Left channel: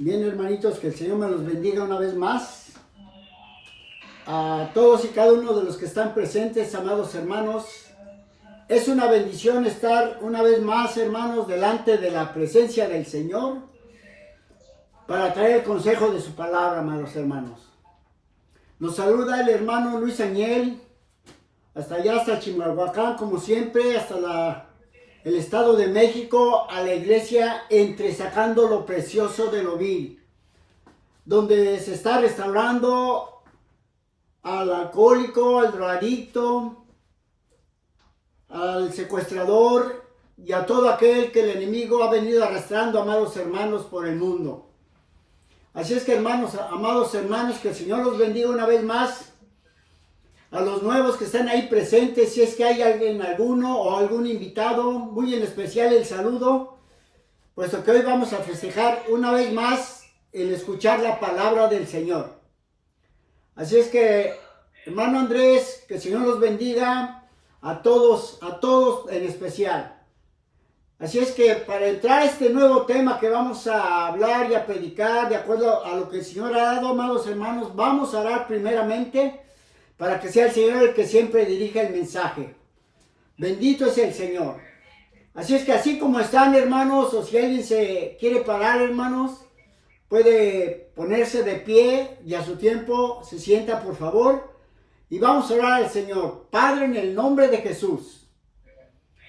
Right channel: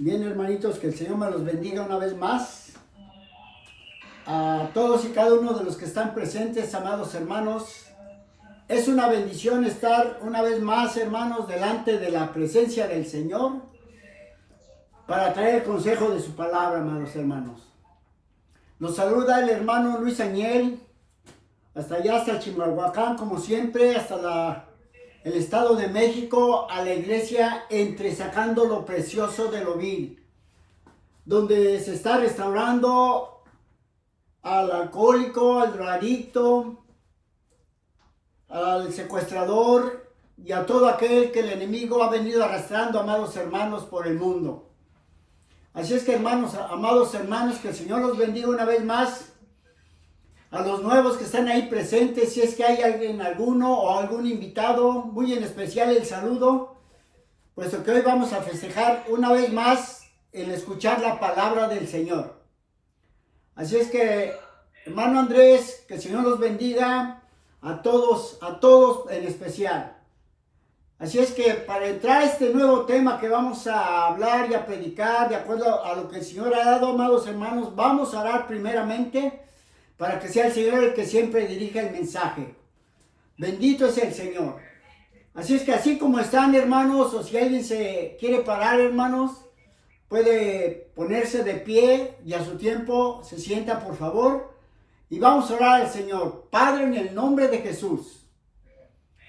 Bien, hermanitos, que el Señor me los bendiga una vez más. A todos y cada uno de los que están presentes, amados hermanos. Es una bendición estar una vez más, hermanos, delante de la presencia del Señor para traer el consejo de su palabra, amados hermanos. Nos saluda el hermano Luis Añel, hasta allá, hasta Chimalhuacán, como siempre, hasta el Estado de México, a la iglesia Entresacando lo Precioso de lo Vil, donde se está restaurando al alcohólico, al drogadicto, al secuestrador y a todo aquel que el enemigo ha venido arrastrando, amados hermanos, por el mundo. Así es que, hermanos, amados hermanos, que el Señor los bendiga una vez más. A los nuevos que están ahí presentes, si es que hay alguno o algún invitado, muy en especial el saludo, puesto que hoy vamos a festejar una vez más el escuchar la palabra del Señor. Así es que, hermano Andrés, que el Señor los bendiga a todos en especial. Así es que para entrar a este nuevo tema que vamos a hablar y a predicar de acuerdo a lo que el Señor ha dado, amados hermanos, vamos a orar primeramente para que sea el Señor el que siempre dirija el mensaje. Bendito es el Señor. Así es que así como están, hermanos, o si alguien se quiere parar, hermanos, puede ponerse de pie y a su tiempo se sienta, por favor. Y vamos a orar al Señor. Padre, en el nombre de Jesús,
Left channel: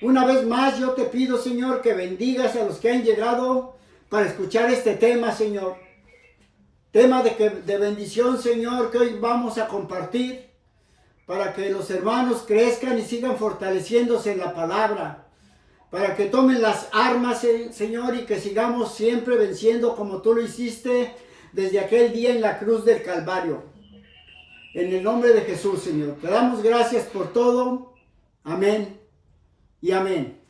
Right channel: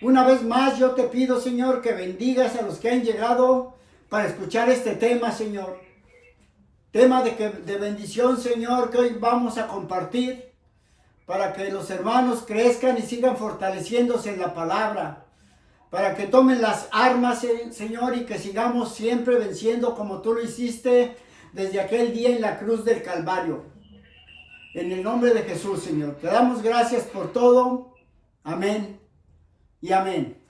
una vez más yo te pido, Señor, que bendigas a los que han llegado para escuchar este tema, Señor. Tema de bendición, Señor, que hoy vamos a compartir, para que los hermanos crezcan y sigan fortaleciéndose en la palabra, para que tomen las armas, Señor, y que sigamos siempre venciendo como tú lo hiciste desde aquel día en la cruz del Calvario. En el nombre de Jesús, Señor, te damos gracias por todo. Amén y amén.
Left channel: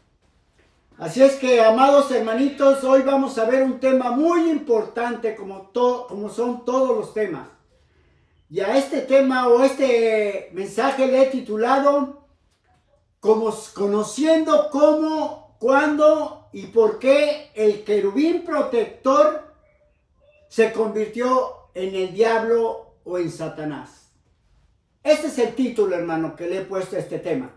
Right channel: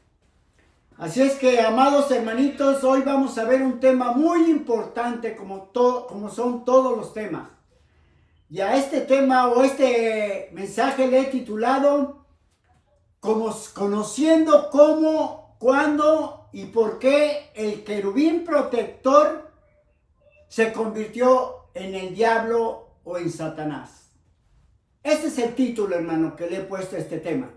Así es que, amados hermanitos, hoy vamos a ver un tema muy importante como son todos los temas. Y a este tema o este mensaje le he titulado Conociendo cómo, cuándo y por qué el querubín protector se convirtió en el diablo o en Satanás. Este es el título, hermano, que le he puesto a este tema.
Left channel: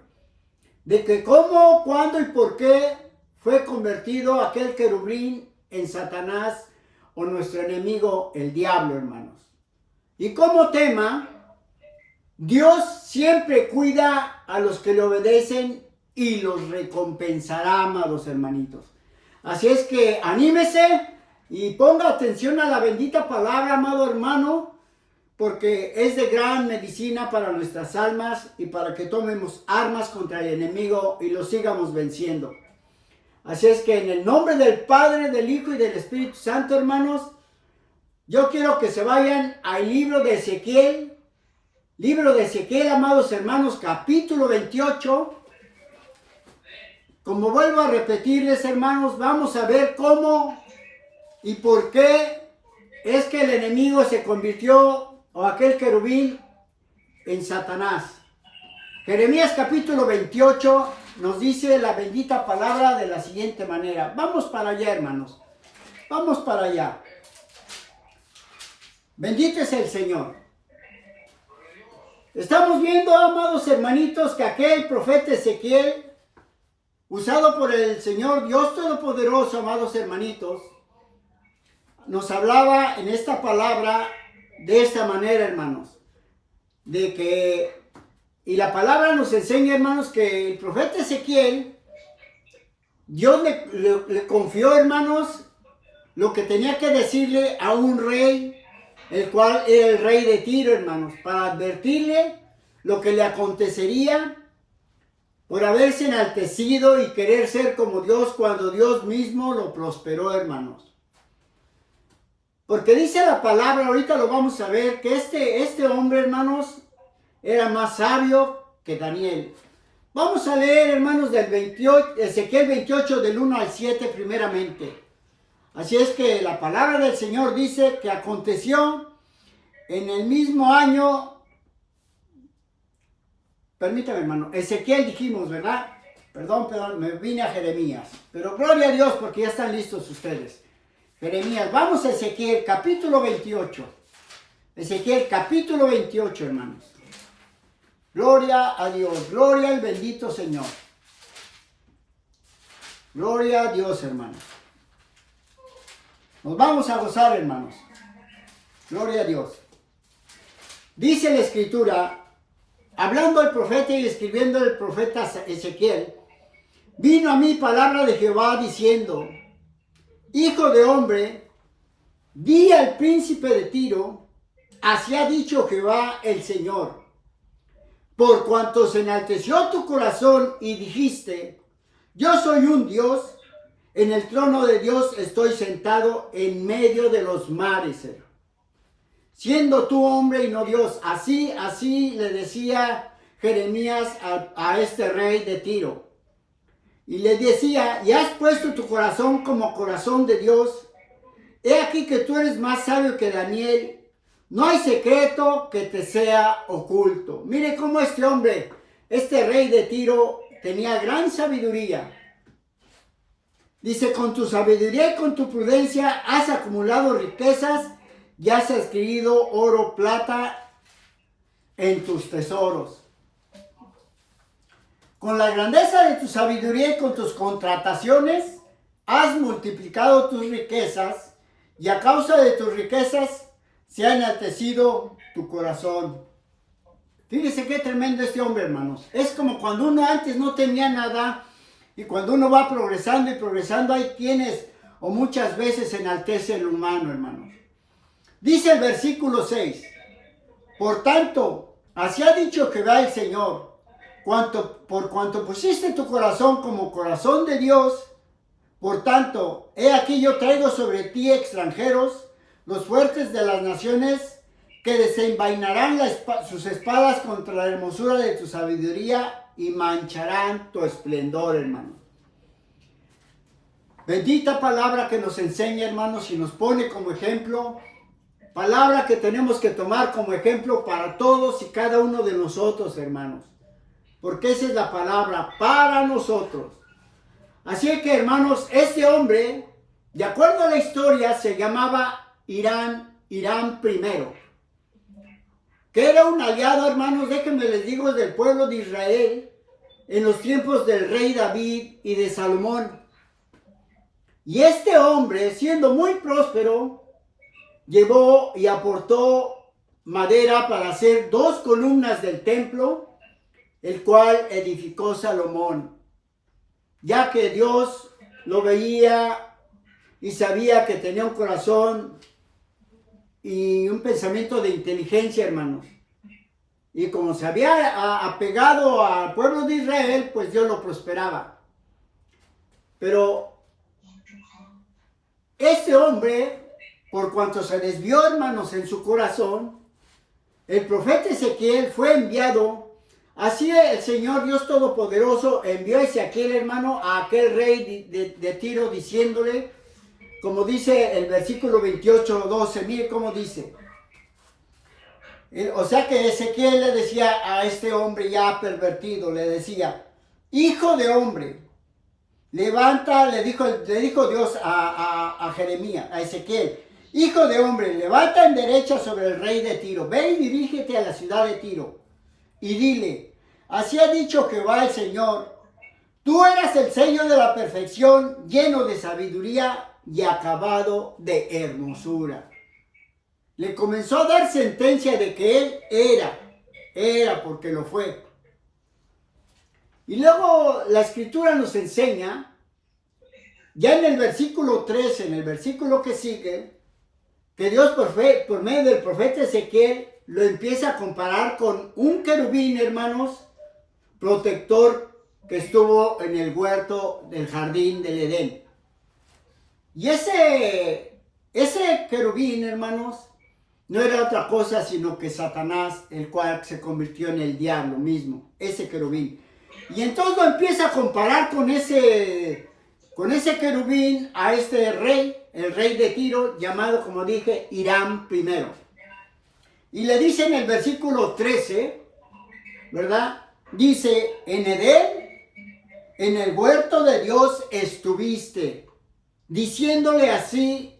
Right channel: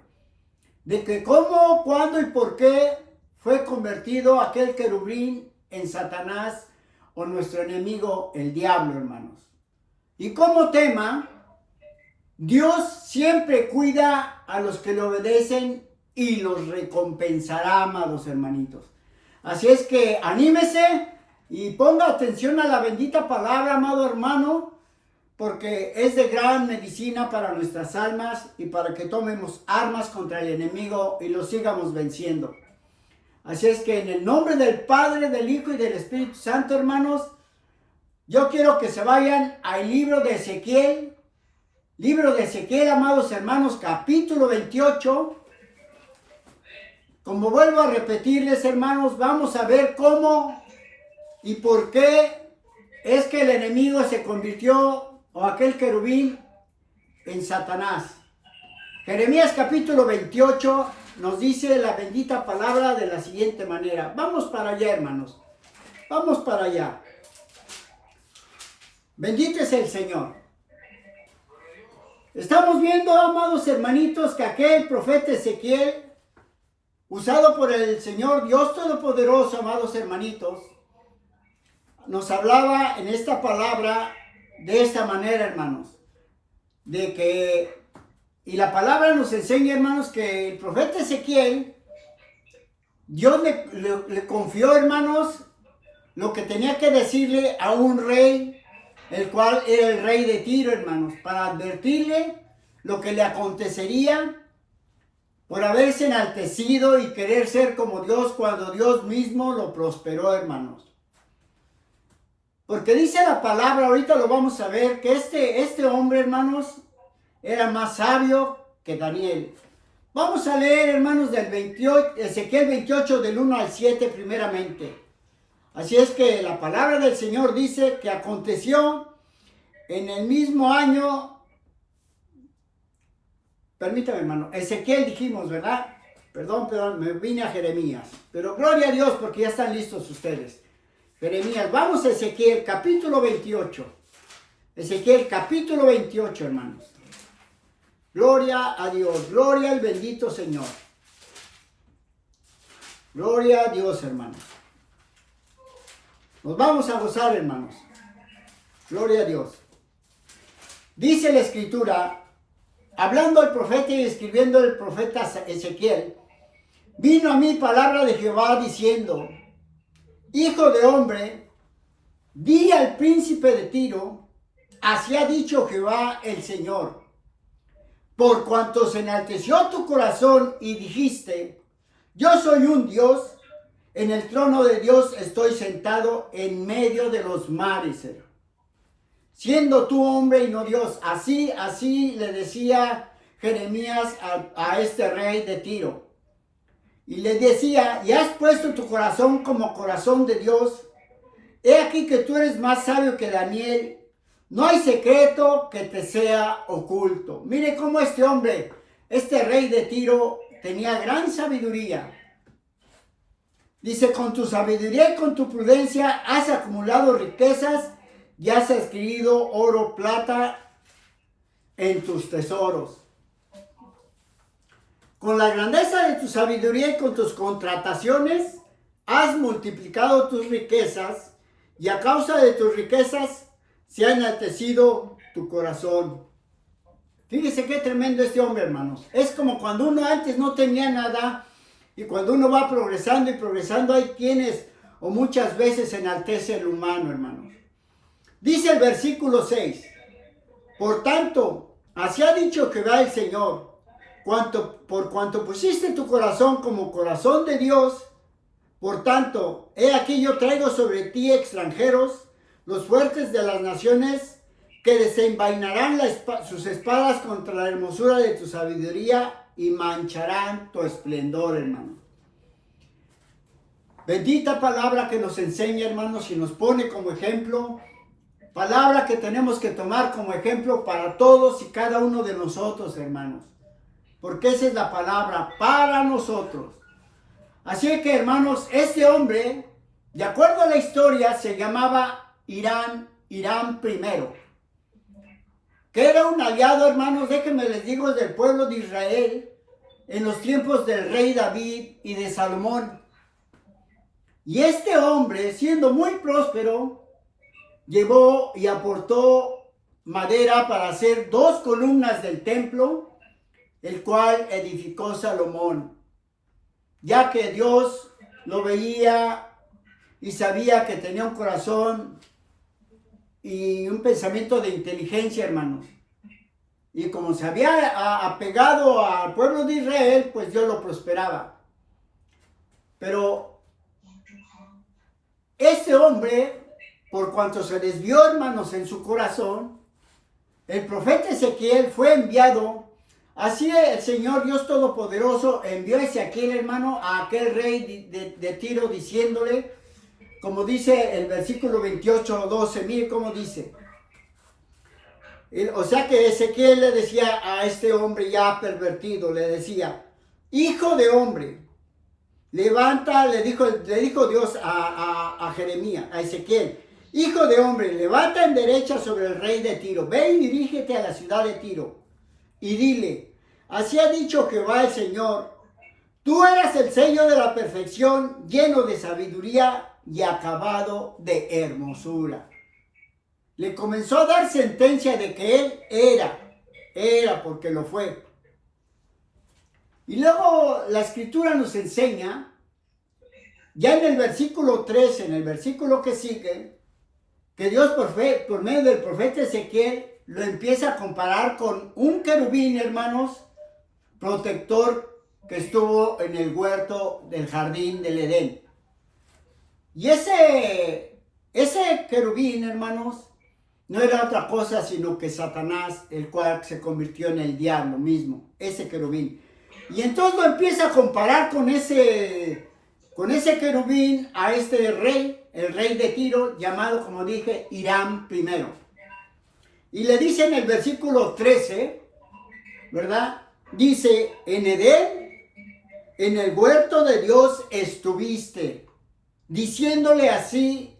De que cómo, cuándo y por qué fue convertido aquel querubín en Satanás o nuestro enemigo, el diablo, hermanos. Y como tema, Dios siempre cuida a los que le obedecen y los recompensará, amados hermanitos. Así es que anímese y ponga atención a la bendita palabra, amado hermano, porque es de gran medicina para nuestras almas y para que tomemos armas contra el enemigo y lo sigamos venciendo. Así es que en el nombre del Padre, del Hijo y del Espíritu Santo, hermanos, yo quiero que se vayan al libro de Ezequiel. Libro de Ezequiel, amados hermanos, capítulo 28. Como vuelvo a repetirles, hermanos, vamos a ver cómo y por qué es que el enemigo se convirtió, o aquel querubín, en Satanás. Jeremías capítulo 28 nos dice la bendita palabra de la siguiente manera. Vamos para allá, hermanos. Vamos para allá. Bendito es el Señor. Estamos viendo, amados hermanitos, que aquel profeta Ezequiel, usado por el Señor Dios Todopoderoso, amados hermanitos, nos hablaba en esta palabra de esta manera, hermanos. Y la palabra nos enseña, hermanos, que el profeta Ezequiel, Dios le confió, hermanos, lo que tenía que decirle a un rey, el cual era el rey de Tiro, hermanos, para advertirle lo que le acontecería por haberse enaltecido y querer ser como Dios cuando Dios mismo lo prosperó, hermanos. Porque dice la palabra, ahorita lo vamos a ver, que este hombre, hermanos, era más sabio que Daniel. Vamos a leer, hermanos, Ezequiel 28, del 1 al 7 primeramente. Así es que la palabra del Señor dice que aconteció en el mismo año, permítame, hermano, Ezequiel dijimos, ¿verdad? Perdón, me vine a Jeremías, pero gloria a Dios porque ya están listos ustedes. Jeremías. Vamos a Ezequiel capítulo 28. Ezequiel capítulo 28, hermanos. Gloria a Dios, gloria al bendito Señor. Gloria a Dios, hermanos. Nos vamos a gozar, hermanos. Gloria a Dios. Dice la Escritura, hablando el profeta y escribiendo el profeta Ezequiel, vino a mí palabra de Jehová diciendo, hijo de hombre, di al príncipe de Tiro, así ha dicho Jehová el Señor, por cuanto se enalteció tu corazón y dijiste, yo soy un Dios, en el trono de Dios estoy sentado en medio de los mares, siendo tú hombre y no Dios. Así le decía Jeremías a este rey de Tiro. Y le decía, y has puesto tu corazón como corazón de Dios. He aquí que tú eres más sabio que Daniel. No hay secreto que te sea oculto. Mire cómo este hombre, este rey de Tiro, tenía gran sabiduría. Dice, con tu sabiduría y con tu prudencia has acumulado riquezas y has adquirido oro, plata en tus tesoros. Con la grandeza de tu sabiduría y con tus contrataciones has multiplicado tus riquezas y a causa de tus riquezas se ha enaltecido tu corazón. Fíjese qué tremendo este hombre, hermanos. Es como cuando uno antes no tenía nada y cuando uno va progresando y progresando hay quienes o muchas veces enaltece el humano, hermanos. Dice el versículo 6, por tanto, así ha dicho Jehová el Señor, por cuanto pusiste tu corazón como corazón de Dios, por tanto, he aquí yo traigo sobre ti extranjeros, los fuertes de las naciones, que desenvainarán sus espadas contra la hermosura de tu sabiduría y mancharán tu esplendor, hermano. Bendita palabra que nos enseña, hermanos, y nos pone como ejemplo. Palabra que tenemos que tomar como ejemplo para todos y cada uno de nosotros, hermanos. Porque esa es la palabra para nosotros. Así que, hermanos, este hombre, de acuerdo a la historia, se llamaba Hiram I, que era un aliado, hermanos, déjenme les digo, del pueblo de Israel en los tiempos del rey David y de Salomón. Y este hombre, siendo muy próspero, llevó y aportó madera para hacer 2 columnas del templo, el cual edificó Salomón, ya que Dios lo veía y sabía que tenía un corazón y un pensamiento de inteligencia, hermanos. Y como se había apegado al pueblo de Israel, pues Dios lo prosperaba. Pero este hombre, por cuanto se desvió, hermanos, en su corazón, el profeta Ezequiel fue enviado. Así el Señor Dios Todopoderoso envió a Ezequiel, hermano, a aquel rey de Tiro, diciéndole, como dice el versículo 28:12, mire cómo dice. O sea que Ezequiel le decía a este hombre ya pervertido, le decía, hijo de hombre, levanta, le dijo Dios a Jeremías, a Ezequiel, hijo de hombre, levanta en derecha sobre el rey de Tiro, ve y dirígete a la ciudad de Tiro, y dile, así ha dicho Jehová el Señor, tú eras el sello de la perfección, lleno de sabiduría y acabado de hermosura. Le comenzó a dar sentencia de que él era porque lo fue. Y luego la escritura nos enseña, ya en el versículo 13, en el versículo que sigue, que Dios por medio del profeta Ezequiel lo empieza a comparar con un querubín, hermanos, protector que estuvo en el huerto del jardín del Edén. Y ese querubín, hermanos, no era otra cosa sino que Satanás, el cual se convirtió en el diablo mismo, ese querubín. Y entonces lo empieza a comparar con ese querubín a este rey, el rey de Tiro, llamado, como dije, Hiram I. Y le dice en el versículo 13, ¿verdad? Dice, en Edén, en el huerto de Dios estuviste, diciéndole así,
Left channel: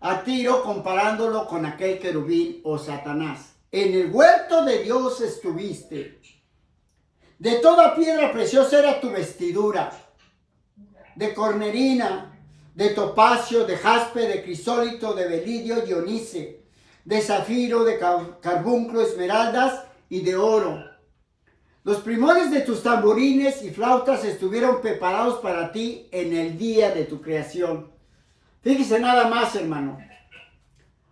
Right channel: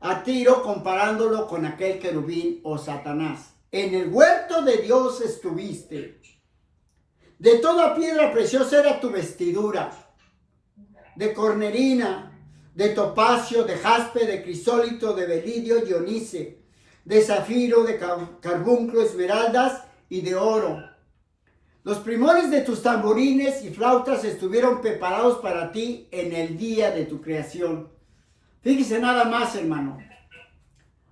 a tiro comparándolo con aquel querubín o Satanás. En el huerto de Dios estuviste. De toda piedra preciosa era tu vestidura, de cornerina, de topacio, de jaspe, de crisólito, de belidio, dionice, de zafiro, de carbunclo, esmeraldas y de oro. Los primores de tus tamborines y flautas estuvieron preparados para ti en el día de tu creación. Fíjese nada más, hermano.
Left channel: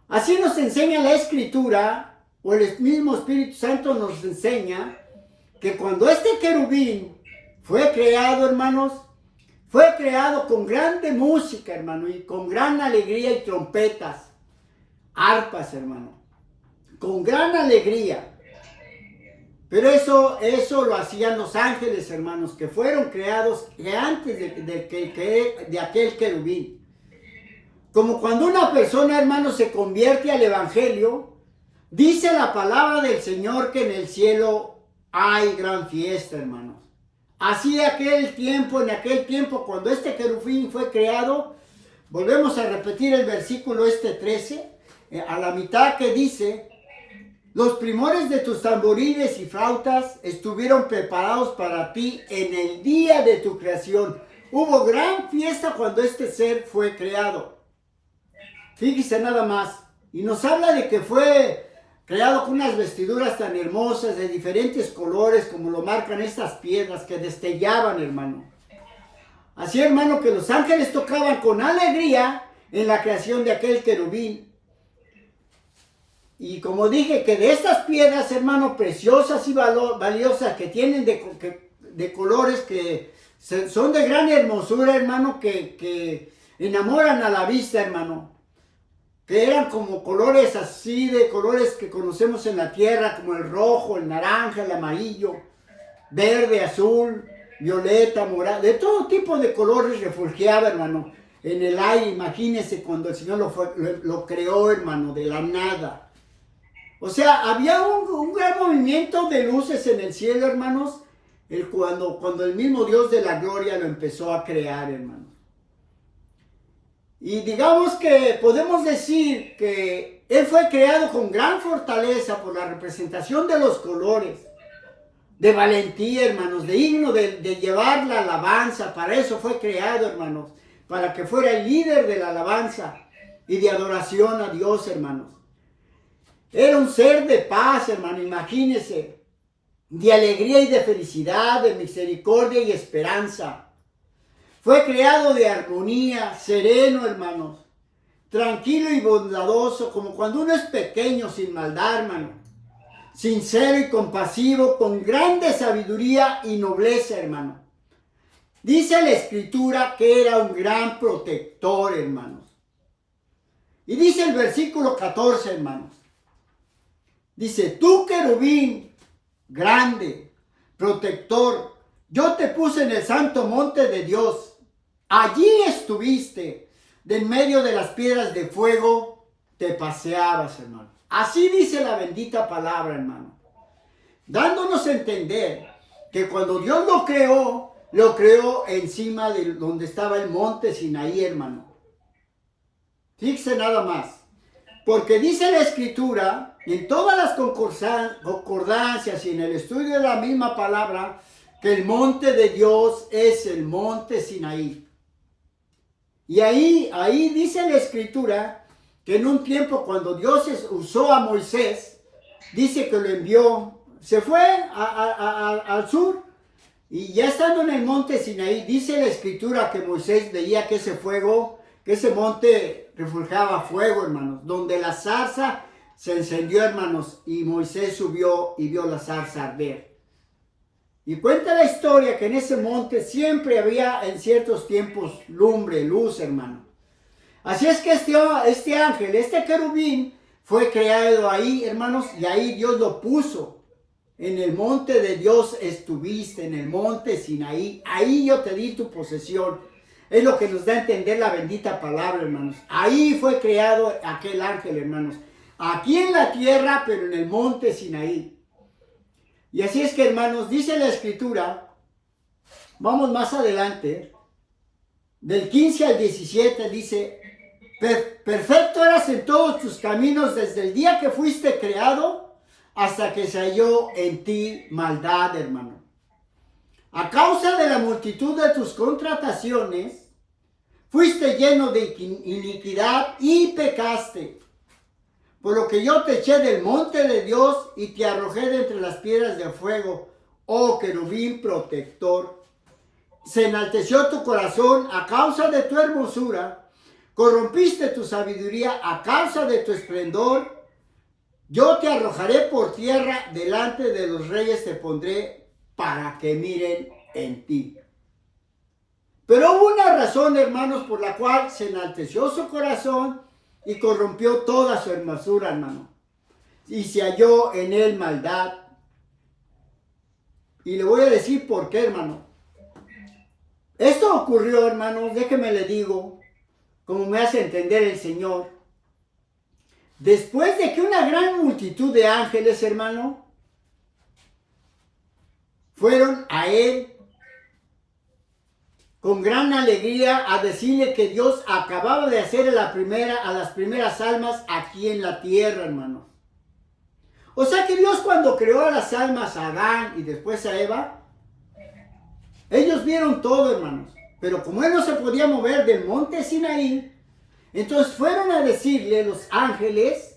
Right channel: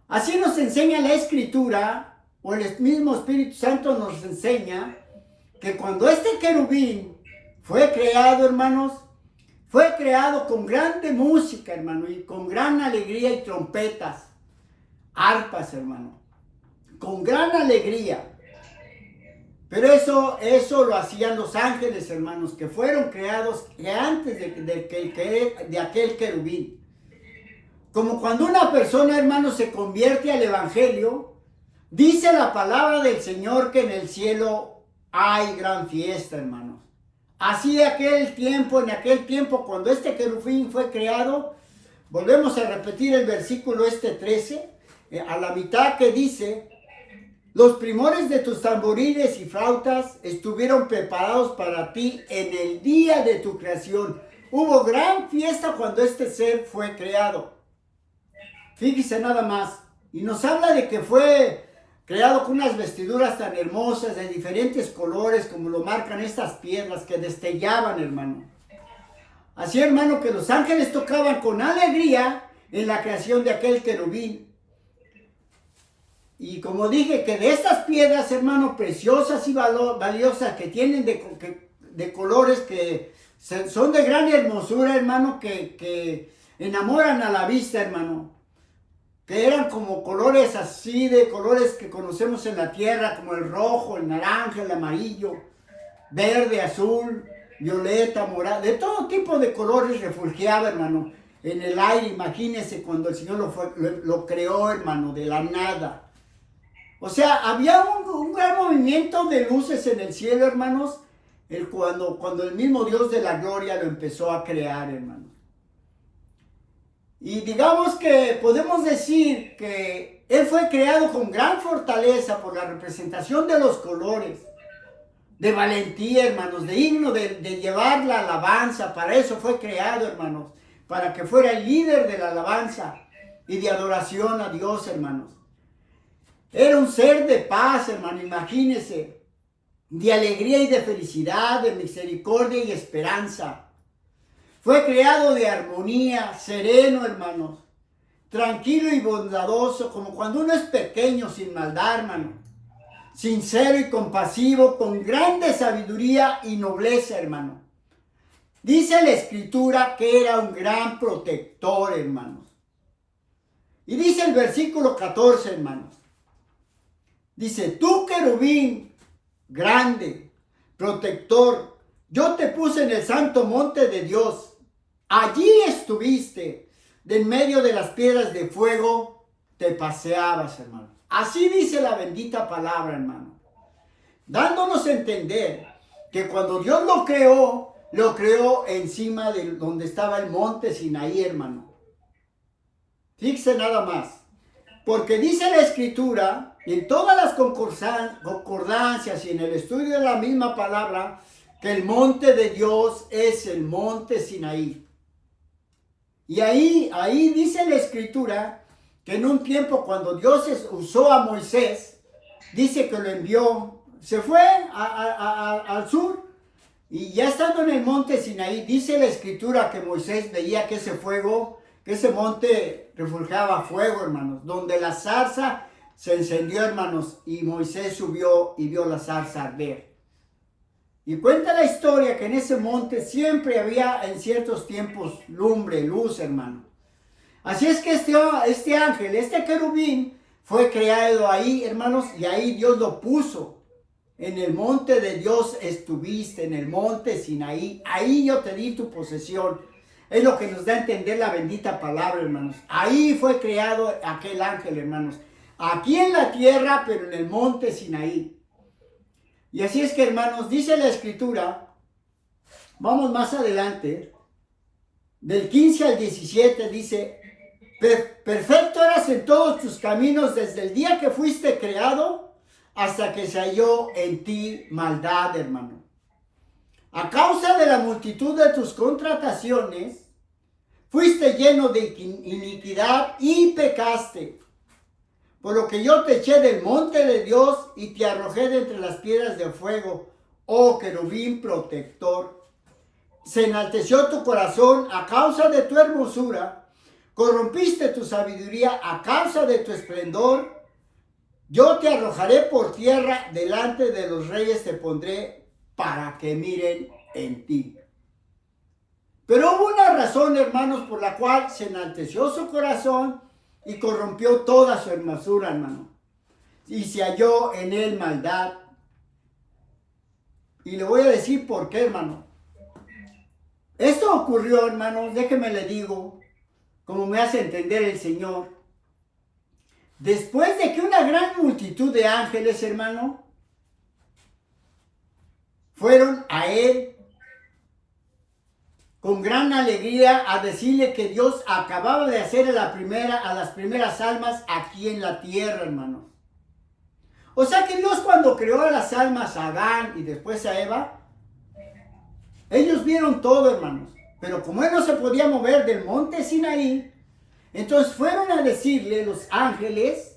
Así nos enseña la Escritura, o el mismo Espíritu Santo nos enseña, que cuando este querubín fue creado, hermanos, fue creado con grande música, hermano, y con gran alegría y trompetas, arpas, hermano, con gran alegría. Pero eso lo hacían los ángeles, hermanos, que fueron creados antes de aquel querubín. Como cuando una persona, hermano, se convierte al evangelio, dice la palabra del Señor que en el cielo hay gran fiesta, hermanos. Así en aquel tiempo, cuando este querubín fue creado, volvemos a repetir el versículo 13, a la mitad, que dice: los primores de tus tamborines y flautas estuvieron preparados para ti en el día de tu creación. Hubo gran fiesta cuando este ser fue creado. Fíjese nada más. Y nos habla de que fue creado con unas vestiduras tan hermosas de diferentes colores, como lo marcan estas piedras que destellaban, hermano. Así, hermano, que los ángeles tocaban con alegría en la creación de aquel querubín. Y como dije, que de estas piedras, hermano, preciosas y valiosas, que tienen de colores que son de gran hermosura, hermano, que enamoran a la vista, hermano. Que eran como colores así, de colores que conocemos en la tierra, como el rojo, el naranja, el amarillo, verde, azul, violeta, morado, de todo tipo de colores refulgeaba, hermano, en el aire. Imagínense cuando el Señor lo creó, hermano, de la nada. O sea, había un gran movimiento de luces en el cielo, hermanos, cuando el mismo Dios de la gloria lo empezó a crear, hermanos. Y digamos que podemos decir que Él fue creado con gran fortaleza por la representación de los colores, de valentía, hermanos, de digno de llevar la alabanza. Para eso fue creado, hermanos, para que fuera el líder de la alabanza y de adoración a Dios, hermanos. Era un ser de paz, hermano, imagínense, de alegría y de felicidad, de misericordia y esperanza. Fue creado de armonía, sereno, hermanos, tranquilo y bondadoso, como cuando uno es pequeño, sin maldad, hermano, sincero y compasivo, con grande sabiduría y nobleza, hermano. Dice la Escritura que era un gran protector, hermanos. Y dice el versículo 14, hermanos. Dice: tú, querubín, grande, protector, yo te puse en el santo monte de Dios. Allí estuviste, de en medio de las piedras de fuego te paseabas, hermano. Así dice la bendita palabra, hermano. Dándonos a entender que cuando Dios lo creó encima de donde estaba el monte Sinaí, hermano. Fíjese nada más. Porque dice la Escritura, en todas las concordancias y en el estudio de la misma palabra, que el monte de Dios es el monte Sinaí. Y ahí dice la Escritura que en un tiempo, cuando Dios usó a Moisés, dice que lo envió, se fue al sur, y ya estando en el monte Sinaí, dice la Escritura que Moisés veía que ese monte refulgaba fuego, hermanos, donde la zarza se encendió, hermanos, y Moisés subió y vio la zarza arder. Y cuenta la historia que en ese monte siempre había en ciertos tiempos lumbre, luz, hermano. Así es que este ángel, este querubín, fue creado ahí, hermanos, y ahí Dios lo puso. En el monte de Dios estuviste, en el monte Sinaí. Ahí yo te di tu posesión. Es lo que nos da a entender la bendita palabra, hermanos. Ahí fue creado aquel ángel, hermanos. Aquí en la tierra, pero en el monte Sinaí. Y así es que, hermanos, dice la Escritura, vamos más adelante, del 15 al 17, dice: Perfecto eras en todos tus caminos desde el día que fuiste creado hasta que se halló en ti maldad, hermano. A causa de la multitud de tus contrataciones, fuiste lleno de iniquidad y pecaste. Por lo que yo te eché del monte de Dios y te arrojé de entre las piedras de fuego, oh querubín protector. Se enalteció tu corazón a causa de tu hermosura, corrompiste tu sabiduría a causa de tu esplendor. Yo te arrojaré por tierra, delante de los reyes te pondré para que miren en ti. Pero hubo una razón, hermanos, por la cual se enalteció su corazón y corrompió toda su hermosura, hermano. Y se halló en él maldad. Y le voy a decir por qué, hermano. Esto ocurrió, hermanos, déjeme le digo, como me hace entender el Señor. Después de que una gran multitud de ángeles, hermano, fueron a él con gran alegría a decirle que Dios acababa de hacer a las primeras almas aquí en la tierra, hermano. O sea que Dios, cuando creó a las almas, a Adán y después a Eva, ellos vieron todo, hermanos. Pero como él no se podía mover del monte Sinaí, entonces fueron a decirle los ángeles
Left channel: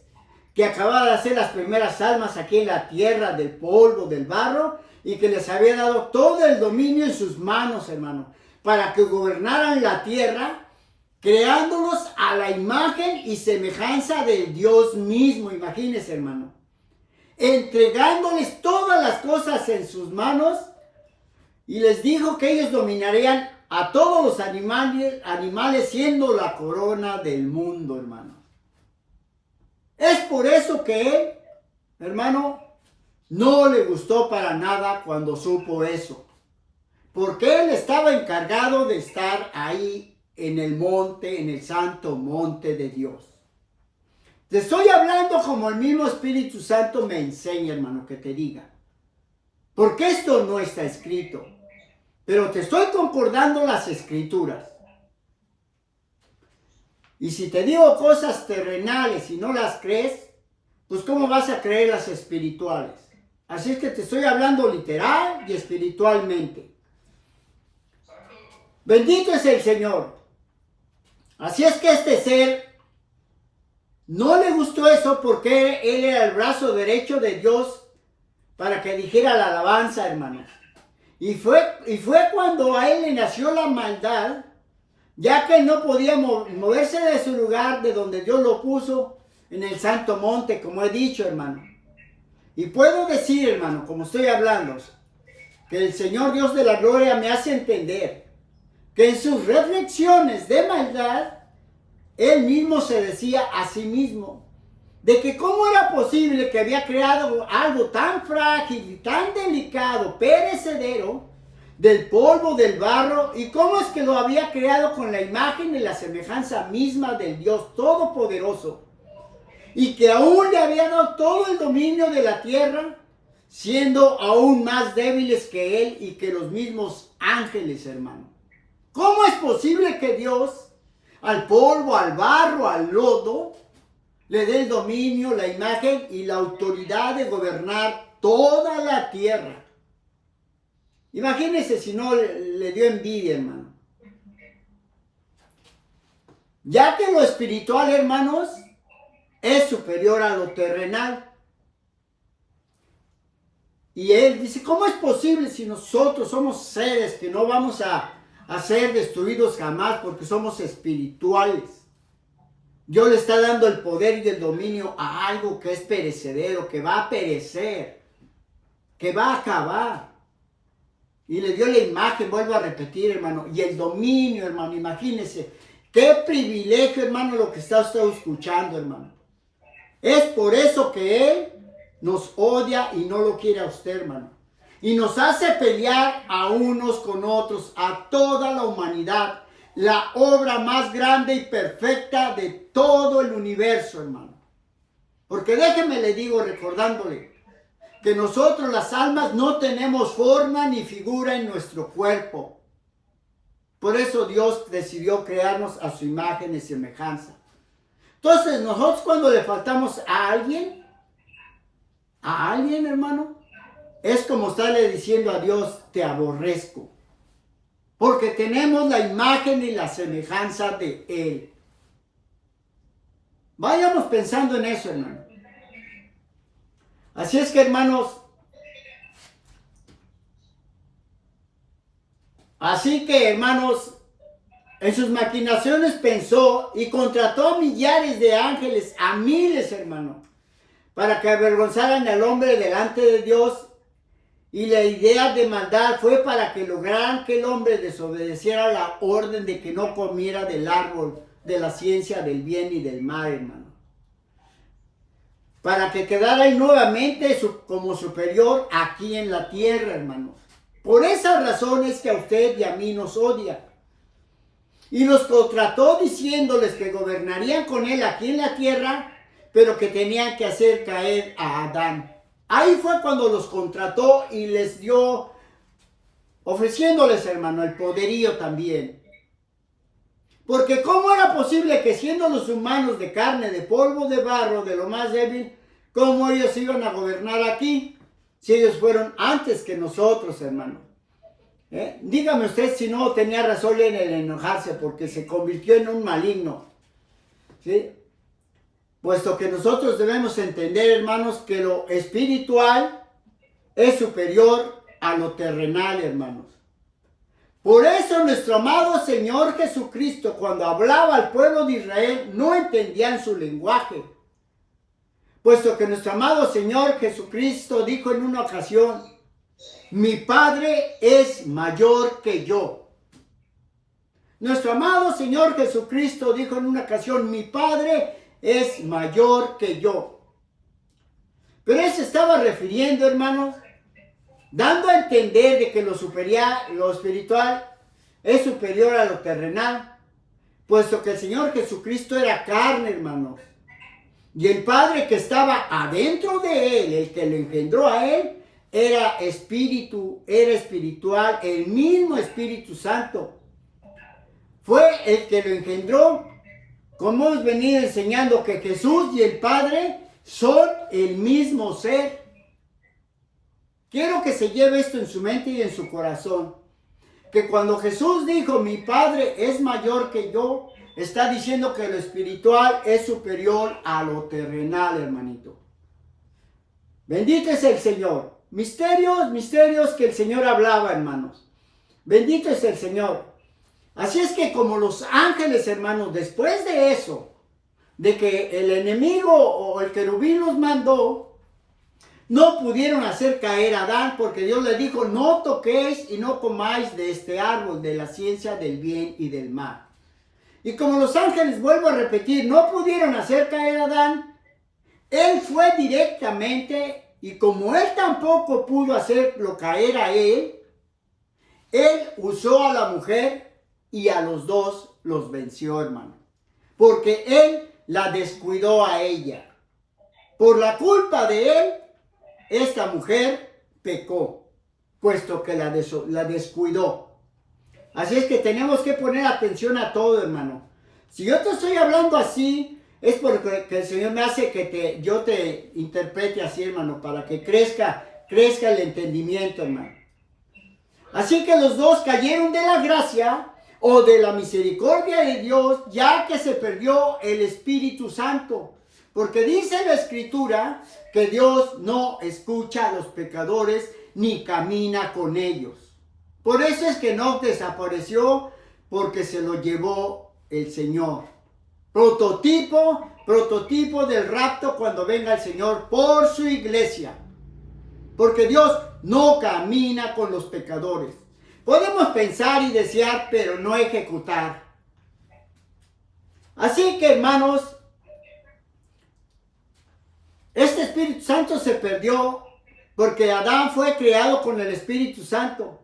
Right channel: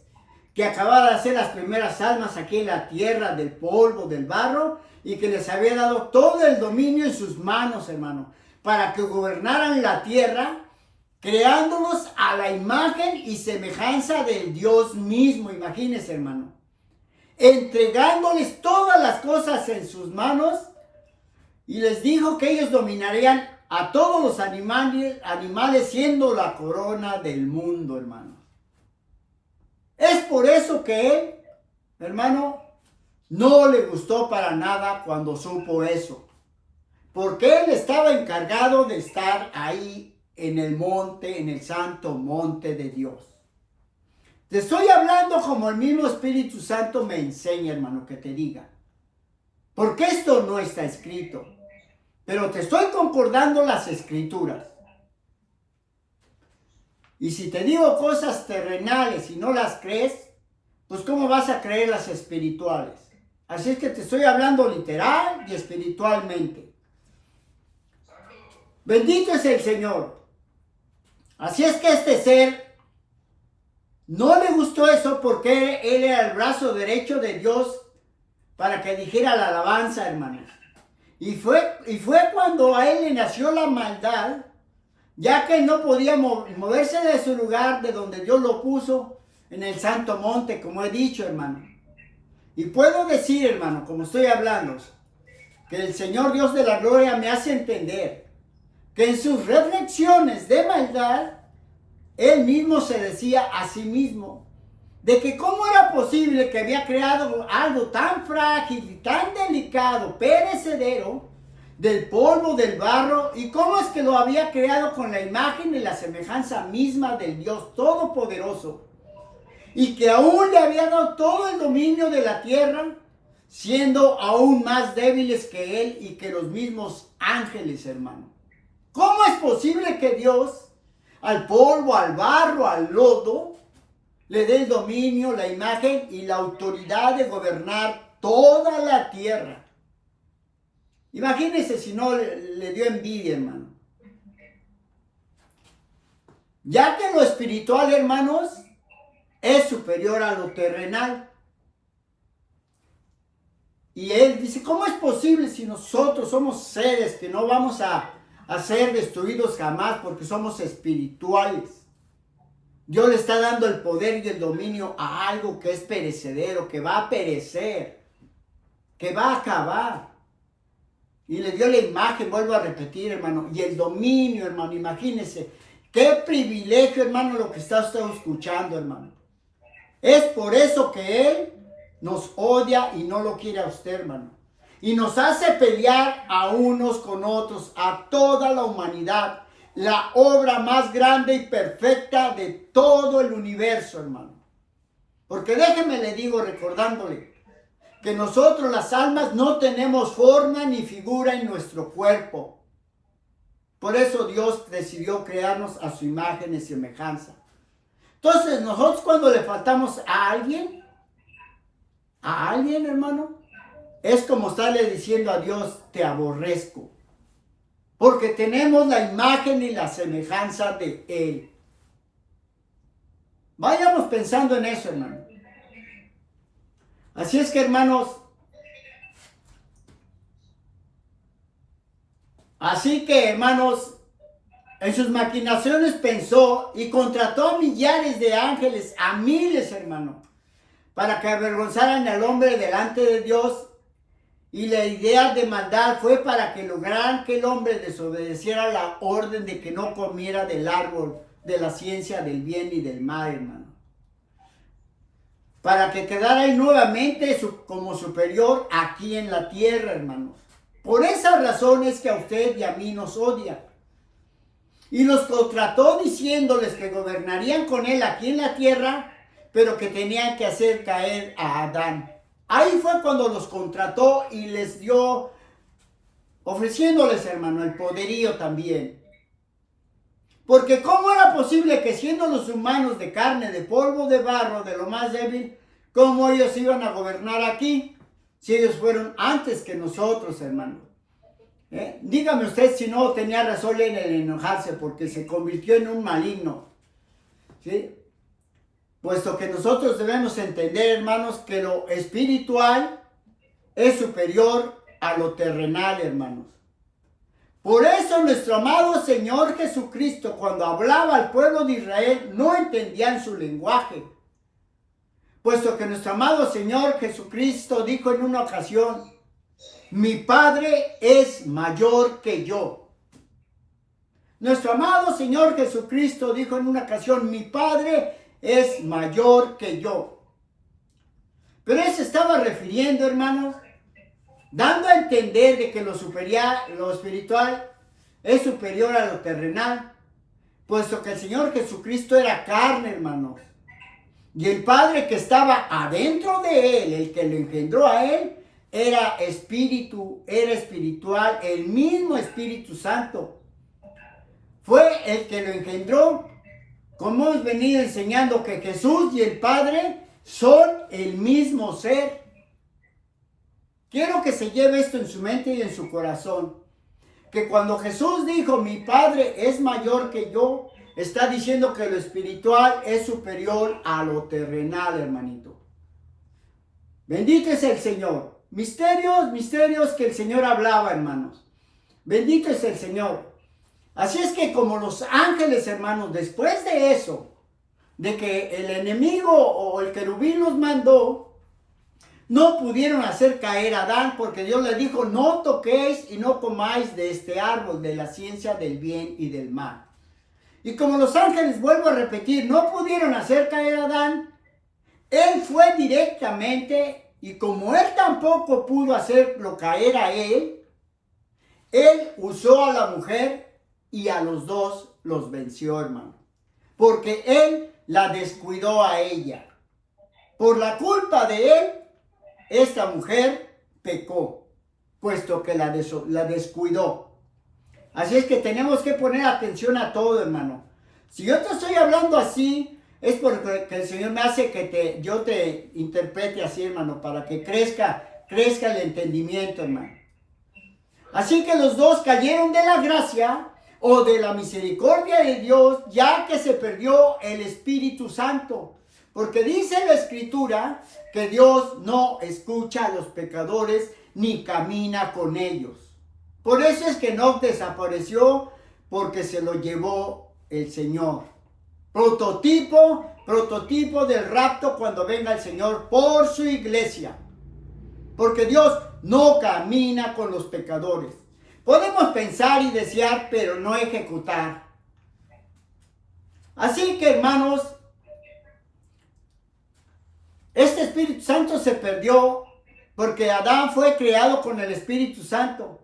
que acababa de hacer las primeras almas aquí en la tierra, del polvo, del barro, y que les había dado todo el dominio en sus manos, hermano, para que gobernaran la tierra, creándolos a la imagen y semejanza del Dios mismo. Imagínense, hermano, entregándoles todas las cosas en sus manos, y les dijo que ellos dominarían a todos los animales siendo la corona del mundo, hermano. Es por eso que él, hermano, no le gustó para nada cuando supo eso. Porque él estaba encargado de estar ahí en el monte, en el santo monte de Dios. Te estoy hablando como el mismo Espíritu Santo me enseña, hermano, que te diga. Porque esto no está escrito. Pero te estoy concordando las escrituras. Y si te digo cosas terrenales y no las crees, pues ¿cómo vas a creer las espirituales? Así es que te estoy hablando literal y espiritualmente. Bendito es el Señor. Así es que este ser no le gustó eso, porque él era el brazo derecho de Dios para que dijera la alabanza, hermanos. Y fue cuando a él le nació la maldad, ya que no podía moverse de su lugar, de donde Dios lo puso, en el santo monte, como he dicho, hermano. Y puedo decir, hermano, como estoy hablando, que el Señor Dios de la gloria me hace entender que en sus reflexiones de maldad, él mismo se decía a sí mismo, de que cómo era posible que había creado algo tan frágil y tan delicado, perecedero, del polvo, del barro, y cómo es que lo había creado con la imagen y la semejanza misma del Dios Todopoderoso, y que aún le había dado todo el dominio de la tierra, siendo aún más débiles que él y que los mismos ángeles, hermano. ¿Cómo es posible que Dios al polvo, al barro, al lodo, le dé el dominio, la imagen y la autoridad de gobernar toda la tierra? Imagínense si no le dio envidia, hermano. Ya que lo espiritual, hermanos, es superior a lo terrenal. Y él dice, ¿cómo es posible si nosotros somos seres que no vamos a ser destruidos jamás porque somos espirituales? Dios le está dando el poder y el dominio a algo que es perecedero, que va a perecer, que va a acabar. Y le dio la imagen, vuelvo a repetir, hermano, y el dominio, hermano. Imagínense, qué privilegio, hermano, lo que está usted escuchando, hermano. Es por eso que Él nos odia y no lo quiere a usted, hermano. Y nos hace pelear a unos con otros, a toda la humanidad. La obra más grande y perfecta de todo el universo, hermano. Porque déjeme le digo, recordándole, que nosotros las almas no tenemos forma ni figura en nuestro cuerpo. Por eso Dios decidió crearnos a su imagen y semejanza. Entonces, nosotros cuando le faltamos a alguien, hermano, es como estarle diciendo a Dios, te aborrezco. Porque tenemos la imagen y la semejanza de Él. Vayamos pensando en eso, hermano. Así es que, hermanos, en sus maquinaciones pensó y contrató a millares de ángeles, a miles, hermano, para que avergonzaran al hombre delante de Dios. Y la idea de maldad fue para que lograran que el hombre desobedeciera la orden de que no comiera del árbol de la ciencia del bien y del mal, hermano. Para que quedara él nuevamente como superior aquí en la tierra, hermanos. Por esas razones que a usted y a mí nos odia. Y los contrató diciéndoles que gobernarían con él aquí en la tierra, pero que tenían que hacer caer a Adán. Ahí fue cuando los contrató y les dio, ofreciéndoles, hermano, el poderío también. Porque ¿cómo era posible que siendo los humanos de carne, de polvo, de barro, de lo más débil, cómo ellos iban a gobernar aquí? Si ellos fueron antes que nosotros, hermano. Dígame usted si no tenía razón en el enojarse porque se convirtió en un maligno. ¿Sí? Puesto que nosotros debemos entender, hermanos, que lo espiritual es superior a lo terrenal, hermanos. Por eso nuestro amado Señor Jesucristo, cuando hablaba al pueblo de Israel, no entendían su lenguaje. Puesto que nuestro amado Señor Jesucristo dijo en una ocasión, mi Padre es mayor que yo. Nuestro amado Señor Jesucristo dijo en una ocasión, mi Padre es mayor que yo. Pero él se estaba refiriendo, hermanos, dando a entender de que lo espiritual es superior a lo terrenal, puesto que el Señor Jesucristo era carne, hermanos. Y el Padre que estaba adentro de él, el que lo engendró a él, era espíritu, era espiritual, el mismo Espíritu Santo. Fue el que lo engendró. Como hemos venido enseñando que Jesús y el Padre son el mismo ser. Quiero que se lleve esto en su mente y en su corazón. Que cuando Jesús dijo, mi Padre es mayor que yo, está diciendo que lo espiritual es superior a lo terrenal, hermanito. Bendito es el Señor. Misterios que el Señor hablaba, hermanos. Bendito es el Señor. Así es que como los ángeles, hermanos, después de eso, de que el enemigo o el querubín los mandó, no pudieron hacer caer a Adán porque Dios le dijo, no toquéis y no comáis de este árbol, de la ciencia del bien y del mal. Y como los ángeles, vuelvo a repetir, no pudieron hacer caer a Adán, él fue directamente, y como él tampoco pudo hacerlo caer a él usó a la mujer y a los dos los venció, hermano. Porque él la descuidó a ella. Por la culpa de él, esta mujer pecó, puesto que la descuidó. Así es que tenemos que poner atención a todo, hermano. Si yo te estoy hablando así, es porque el Señor me hace que yo te interprete así, hermano, para que crezca el entendimiento, hermano. Así que los dos cayeron de la gracia o de la misericordia de Dios, ya que se perdió el Espíritu Santo. Porque dice la Escritura que Dios no escucha a los pecadores ni camina con ellos. Por eso es que Enoc desapareció, porque se lo llevó el Señor. Prototipo del rapto cuando venga el Señor por su iglesia. Porque Dios no camina con los pecadores. Podemos pensar y desear, pero no ejecutar. Así que, hermanos, este Espíritu Santo se perdió porque Adán fue creado con el Espíritu Santo.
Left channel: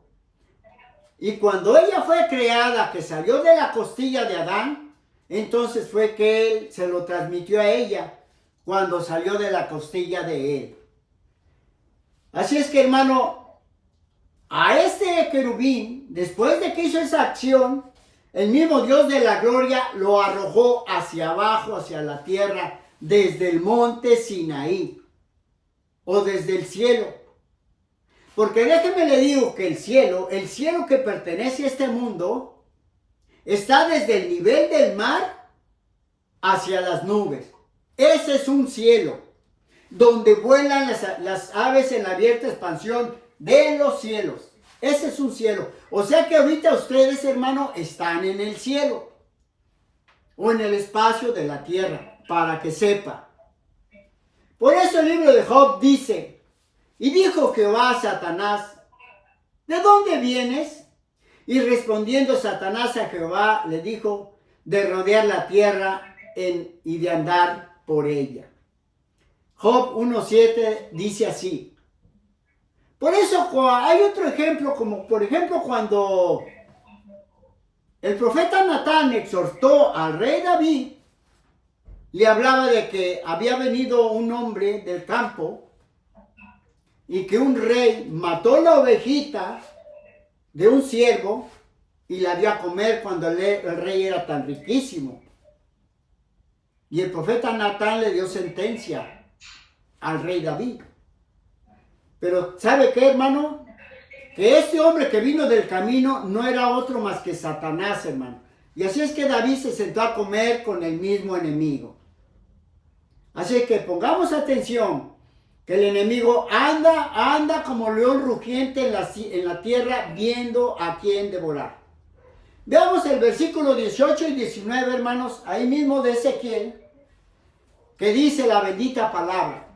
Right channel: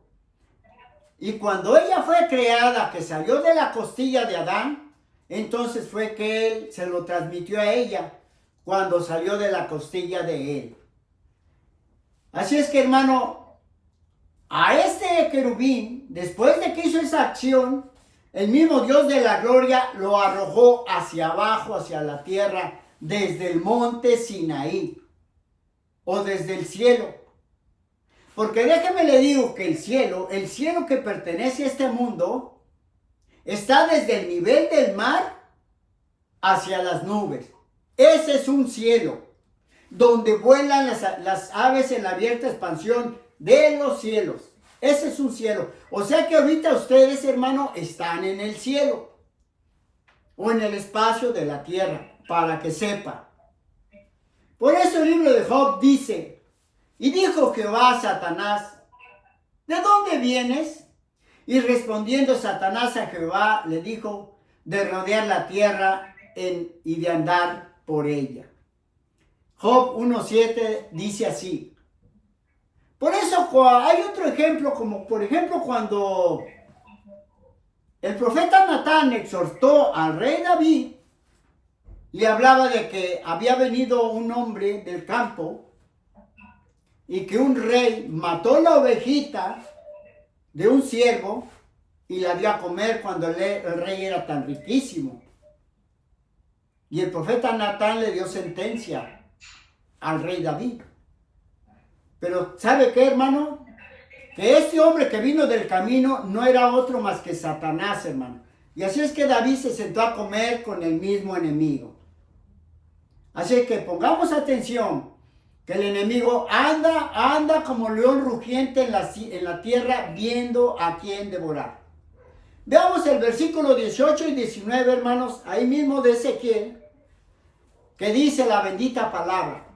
Y cuando ella fue creada, que salió de la costilla de Adán, entonces fue que él se lo transmitió a ella cuando salió de la costilla de él. Así es que, hermano, a este querubín, después de que hizo esa acción, el mismo Dios de la gloria lo arrojó hacia abajo, hacia la tierra, desde el monte Sinaí, o desde el cielo. Porque déjeme le digo que el cielo que pertenece a este mundo, está desde el nivel del mar hacia las nubes. Ese es un cielo, donde vuelan las aves en la abierta expansión de los cielos. Ese es un cielo. O sea que ahorita ustedes, hermano, están en el cielo, o en el espacio de la tierra, para que sepa. Por eso el libro de Job dice, y dijo Jehová a Satanás, ¿de dónde vienes? Y respondiendo Satanás a Jehová, le dijo, de rodear la tierra y de andar por ella. Job 1:7 dice así. Por eso hay otro ejemplo, como por ejemplo cuando el profeta Natán exhortó al rey David, le hablaba de que había venido un hombre del campo y que un rey mató la ovejita de un siervo y la dio a comer cuando el rey era tan riquísimo. Y el profeta Natán le dio sentencia al rey David. Pero ¿sabe qué, hermano? Que este hombre que vino del camino no era otro más que Satanás, hermano. Y así es que David se sentó a comer con el mismo enemigo. Así que pongamos atención, que el enemigo anda como león rugiente en la tierra, viendo a quién devorar. Veamos el versículo 18 y 19, hermanos, ahí mismo de Ezequiel, que dice la bendita palabra.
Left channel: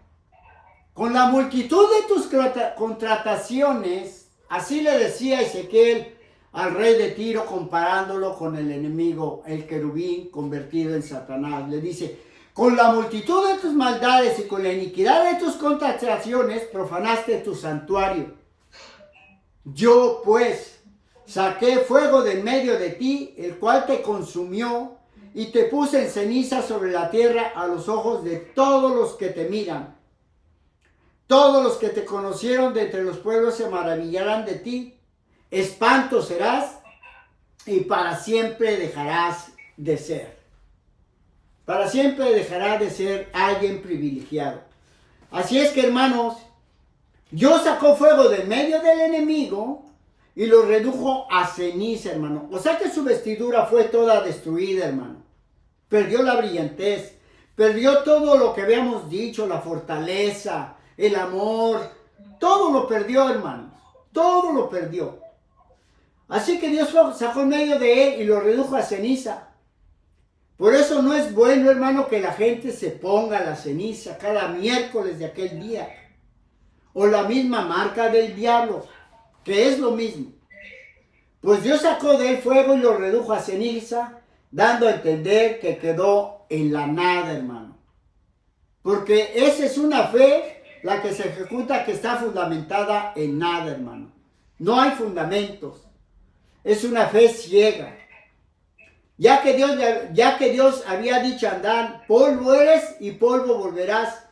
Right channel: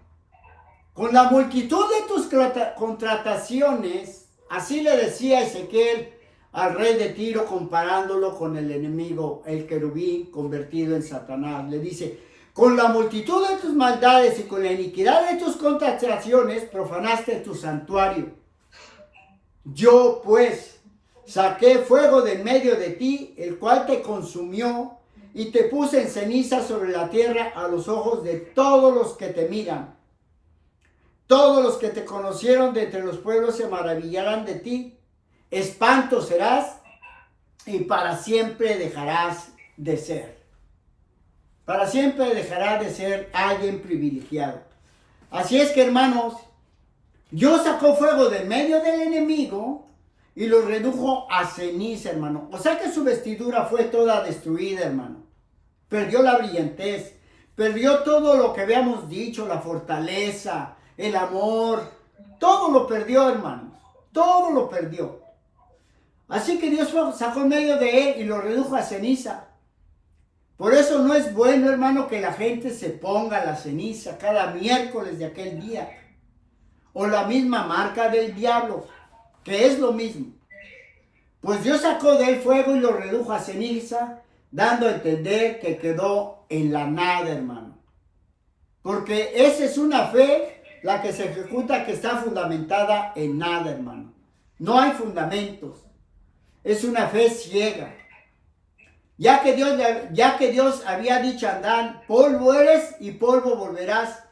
Con la multitud de tus contrataciones, así le decía Ezequiel al rey de Tiro, comparándolo con el enemigo, el querubín convertido en Satanás. Le dice, con la multitud de tus maldades y con la iniquidad de tus contrataciones, profanaste tu santuario. Yo, pues, saqué fuego de en medio de ti, el cual te consumió, y te puse en ceniza sobre la tierra a los ojos de todos los que te miran. Todos los que te conocieron de entre los pueblos se maravillarán de ti. Espanto serás y para siempre dejarás de ser. Para siempre dejarás de ser alguien privilegiado. Así es que, hermanos, Dios sacó fuego de en medio del enemigo y lo redujo a ceniza, hermano. O sea que su vestidura fue toda destruida, hermano. Perdió la brillantez, perdió todo lo que habíamos dicho, la fortaleza, el amor, todo lo perdió, hermanos, todo lo perdió. Así que Dios sacó en medio de él y lo redujo a ceniza. Por eso no es bueno, hermano, que la gente se ponga la ceniza cada miércoles de aquel día. O la misma marca del diablo, que es lo mismo. Pues Dios sacó de él fuego y lo redujo a ceniza, dando a entender que quedó en la nada, hermano. Porque esa es una fe, la que se ejecuta, que está fundamentada en nada, hermano. No hay fundamentos. Es una fe ciega. Ya que Dios había dicho a Adán, polvo eres y polvo volverás.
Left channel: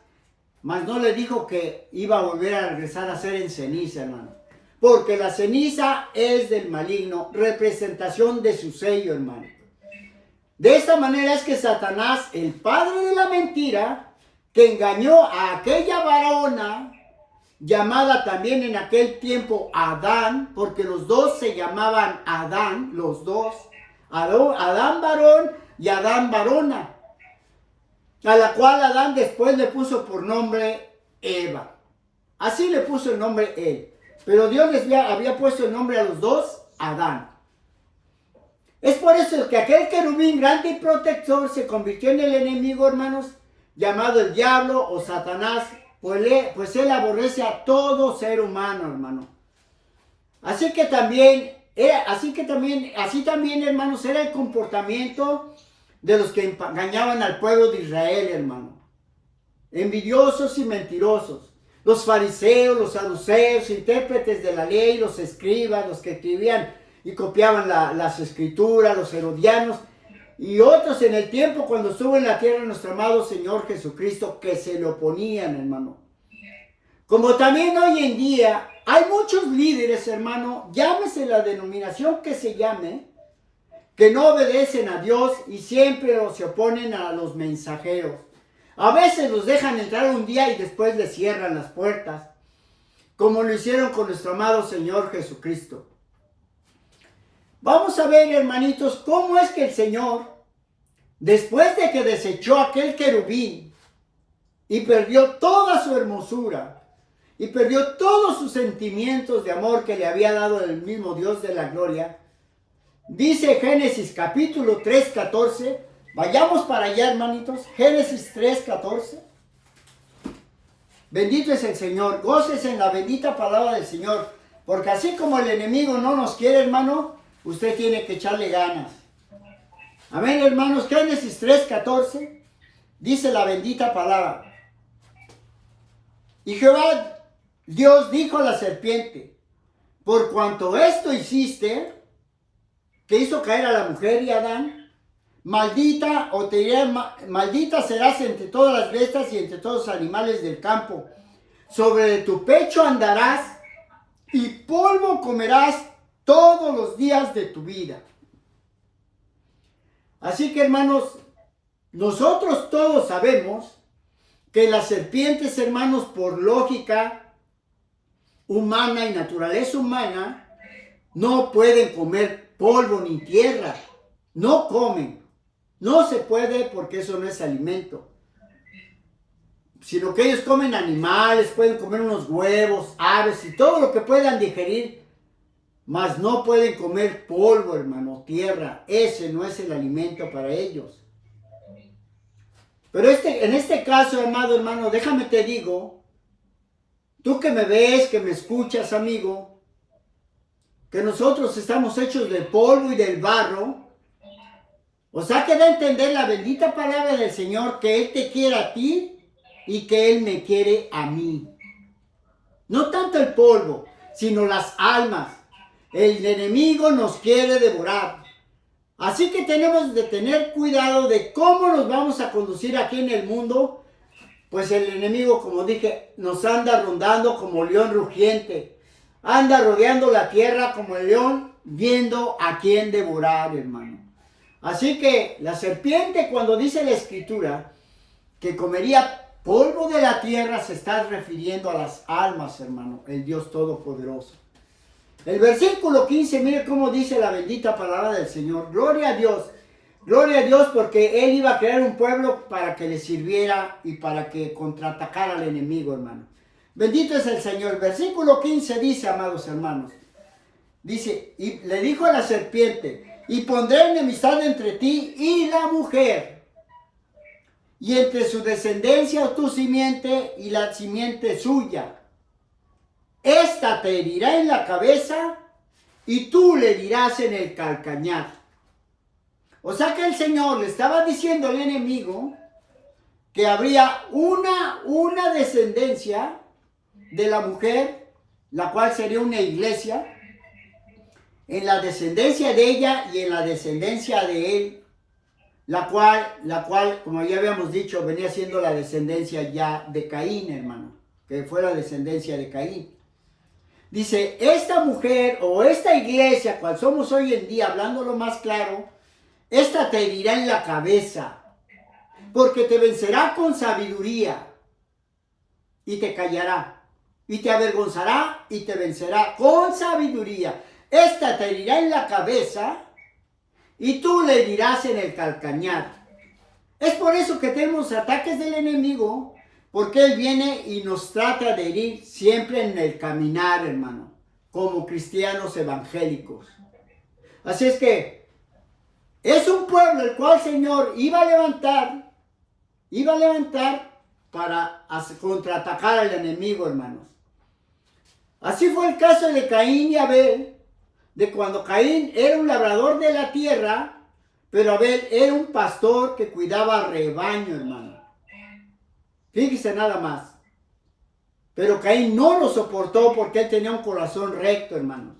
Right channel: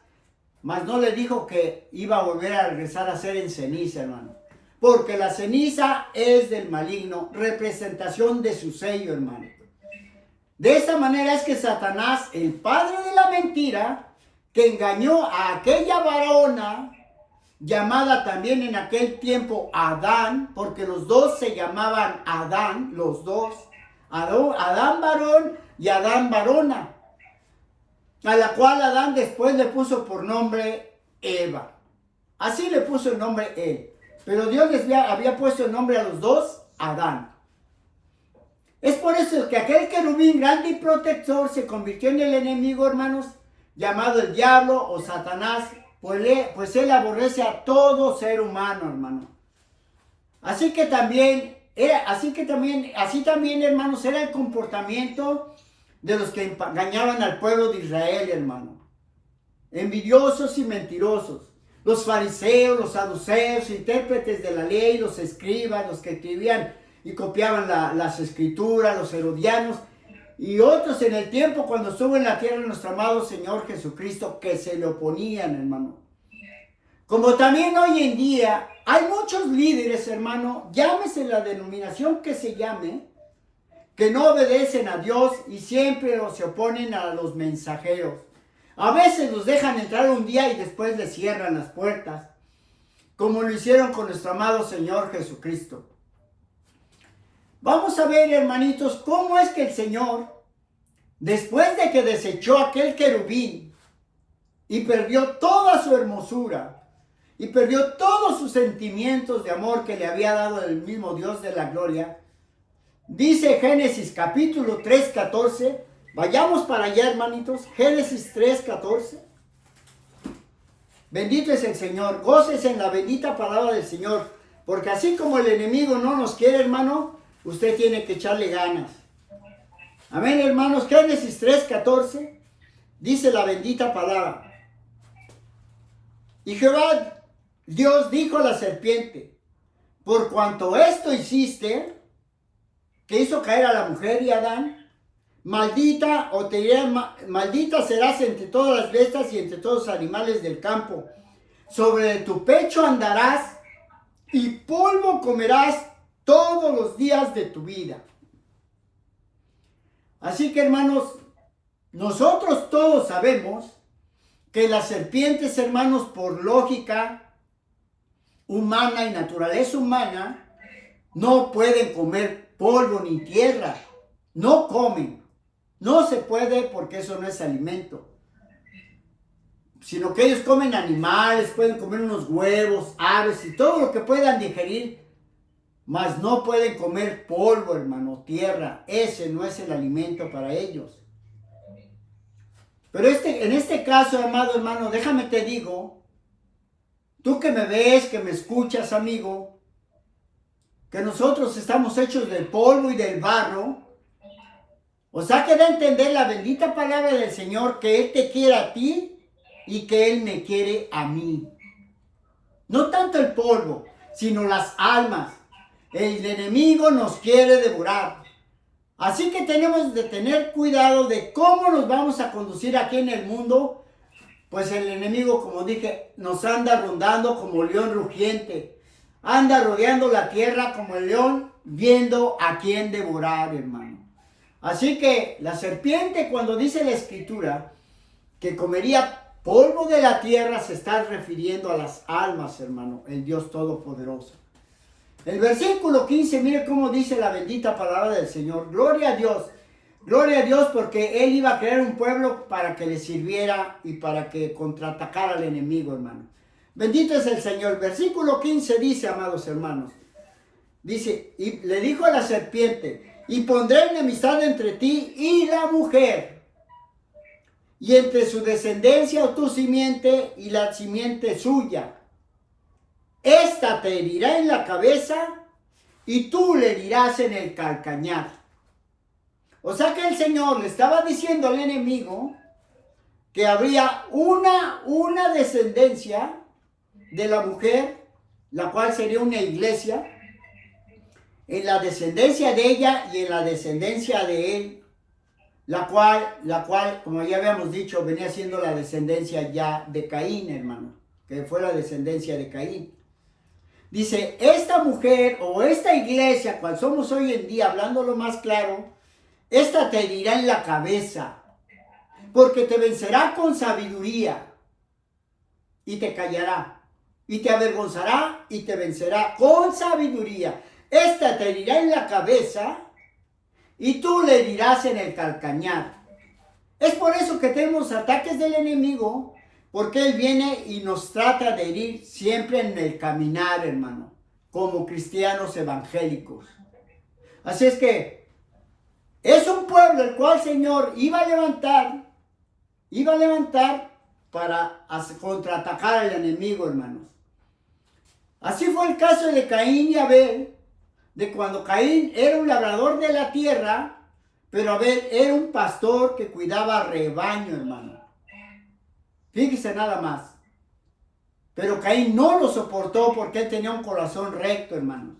Mas no le dijo que iba a volver a regresar a ser en ceniza, hermano. Porque la ceniza es del maligno, representación de su sello, hermano. De esta manera es que Satanás, el padre de la mentira, que engañó a aquella varona, llamada también en aquel tiempo Adán, porque los dos se llamaban Adán, los dos, Adán varón y Adán varona, a la cual Adán después le puso por nombre Eva. Así le puso el nombre él, pero Dios les había puesto el nombre a los dos Adán. Es por eso que aquel querubín grande y protector se convirtió en el enemigo, hermanos, llamado el diablo o Satanás, pues él aborrece a todo ser humano, hermano. Así también, hermanos, era el comportamiento de los que engañaban al pueblo de Israel, hermano. Envidiosos y mentirosos. Los fariseos, los saduceos, intérpretes de la ley, los escribas, los que escribían y copiaban las escrituras, los herodianos, y otros en el tiempo cuando estuvo en la tierra nuestro amado Señor Jesucristo, que se le oponían, hermano. Como también hoy en día hay muchos líderes, hermano, llámese la denominación que se llame, que no obedecen a Dios y siempre se oponen a los mensajeros. A veces los dejan entrar un día y después les cierran las puertas, como lo hicieron con nuestro amado Señor Jesucristo. Vamos a ver, hermanitos, cómo es que el Señor, después de que desechó aquel querubín y perdió toda su hermosura y perdió todos sus sentimientos de amor que le había dado el mismo Dios de la gloria, dice Génesis capítulo 3:14, vayamos para allá, hermanitos, Génesis 3:14. Bendito es el Señor, gócese en la bendita palabra del Señor, porque así como el enemigo no nos quiere, hermano, usted tiene que echarle ganas. Amén, hermanos. Génesis 3:14 dice la bendita palabra. Y Jehová Dios dijo a la serpiente, por cuanto esto hiciste, que hizo caer a la mujer y a Adán, maldita serás entre todas las bestias y entre todos los animales del campo. Sobre tu pecho andarás y polvo comerás todos los días de tu vida. Así que, hermanos, nosotros todos sabemos que las serpientes, hermanos, por lógica humana y naturaleza humana, no pueden comer polvo ni tierra. No comen. No se puede porque eso no es alimento. Sino que ellos comen animales, pueden comer unos huevos, aves y todo lo que puedan digerir. Mas no pueden comer polvo, hermano, tierra. Ese no es el alimento para ellos. Pero en este caso, amado hermano, déjame te digo, tú que me ves, que me escuchas, amigo, que nosotros estamos hechos del polvo y del barro. O sea que da a entender la bendita palabra del Señor que Él te quiere a ti y que Él me quiere a mí. No tanto el polvo, sino las almas. El enemigo nos quiere devorar. Así que tenemos de tener cuidado de cómo nos vamos a conducir aquí en el mundo. Pues el enemigo, como dije, nos anda rondando como león rugiente. Anda rodeando la tierra como el león, viendo a quién devorar, hermano. Así que la serpiente, cuando dice la Escritura que comería polvo de la tierra, se está refiriendo a las almas, hermano, el Dios Todopoderoso. El versículo 15, mire cómo dice la bendita palabra del Señor. Gloria a Dios porque Él iba a crear un pueblo para que le sirviera y para que contraatacara al enemigo, hermano. Bendito es el Señor. Versículo 15 dice, amados hermanos, dice, y le dijo a la serpiente, y pondré enemistad entre ti y la mujer, y entre su descendencia o tu simiente y la simiente suya. Esta te herirá en la cabeza y tú le herirás en el calcañar. O sea que el Señor le estaba diciendo al enemigo que habría una descendencia de la mujer, la cual sería una iglesia, en la descendencia de ella y en la descendencia de él, la cual, como ya habíamos dicho, venía siendo la descendencia ya de Caín, hermano, que fue la descendencia de Caín. Dice, esta mujer o esta iglesia, cual somos hoy en día, hablándolo más claro, esta te herirá en la cabeza, porque te vencerá con sabiduría y te callará, y te avergonzará y te vencerá con sabiduría. Esta te herirá en la cabeza y tú le herirás en el calcañar. Es por eso que tenemos ataques del enemigo, porque él viene y nos trata de herir siempre en el caminar, hermano, como cristianos evangélicos. Así es que es un pueblo el cual el Señor iba a levantar para contraatacar al enemigo, hermanos. Así fue el caso de Caín y Abel, de cuando Caín era un labrador de la tierra, pero Abel era un pastor que cuidaba rebaño, hermano. Fíjese nada más. Pero Caín no lo soportó porque él tenía un corazón recto, hermanos.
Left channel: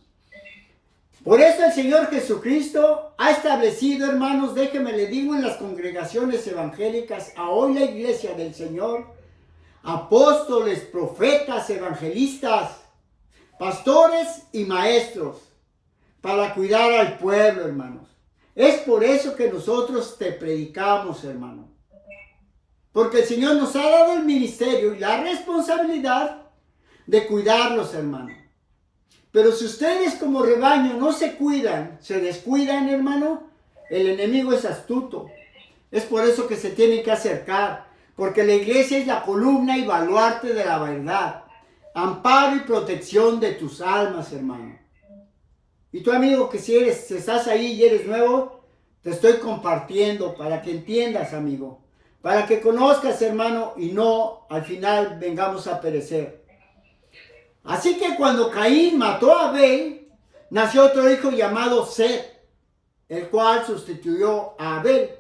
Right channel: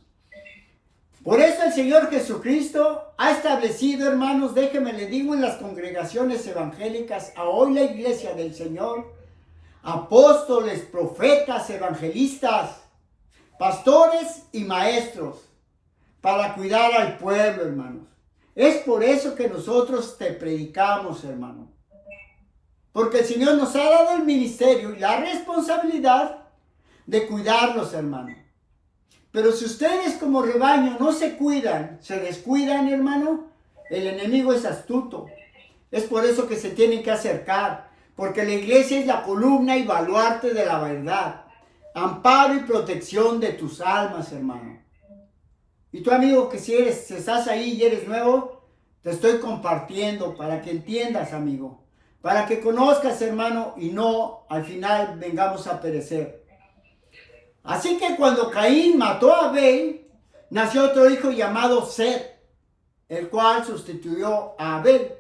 Por eso el Señor Jesucristo ha establecido, hermanos, déjeme le digo, en las congregaciones evangélicas, a hoy la iglesia del Señor, apóstoles, profetas, evangelistas, pastores y maestros, para cuidar al pueblo, hermanos. Es por eso que nosotros te predicamos, hermano. Porque el Señor nos ha dado el ministerio y la responsabilidad de cuidarlos, hermano. Pero si ustedes como rebaño no se cuidan, se descuidan, hermano, el enemigo es astuto. Es por eso que se tienen que acercar. Porque la iglesia es la columna y baluarte de la verdad. Amparo y protección de tus almas, hermano. Y tú, amigo, que si estás ahí y eres nuevo, te estoy compartiendo para que entiendas, amigo. Para que conozcas, hermano, y no al final vengamos a perecer. Así que cuando Caín mató a Abel, nació otro hijo llamado Set, el cual sustituyó a Abel.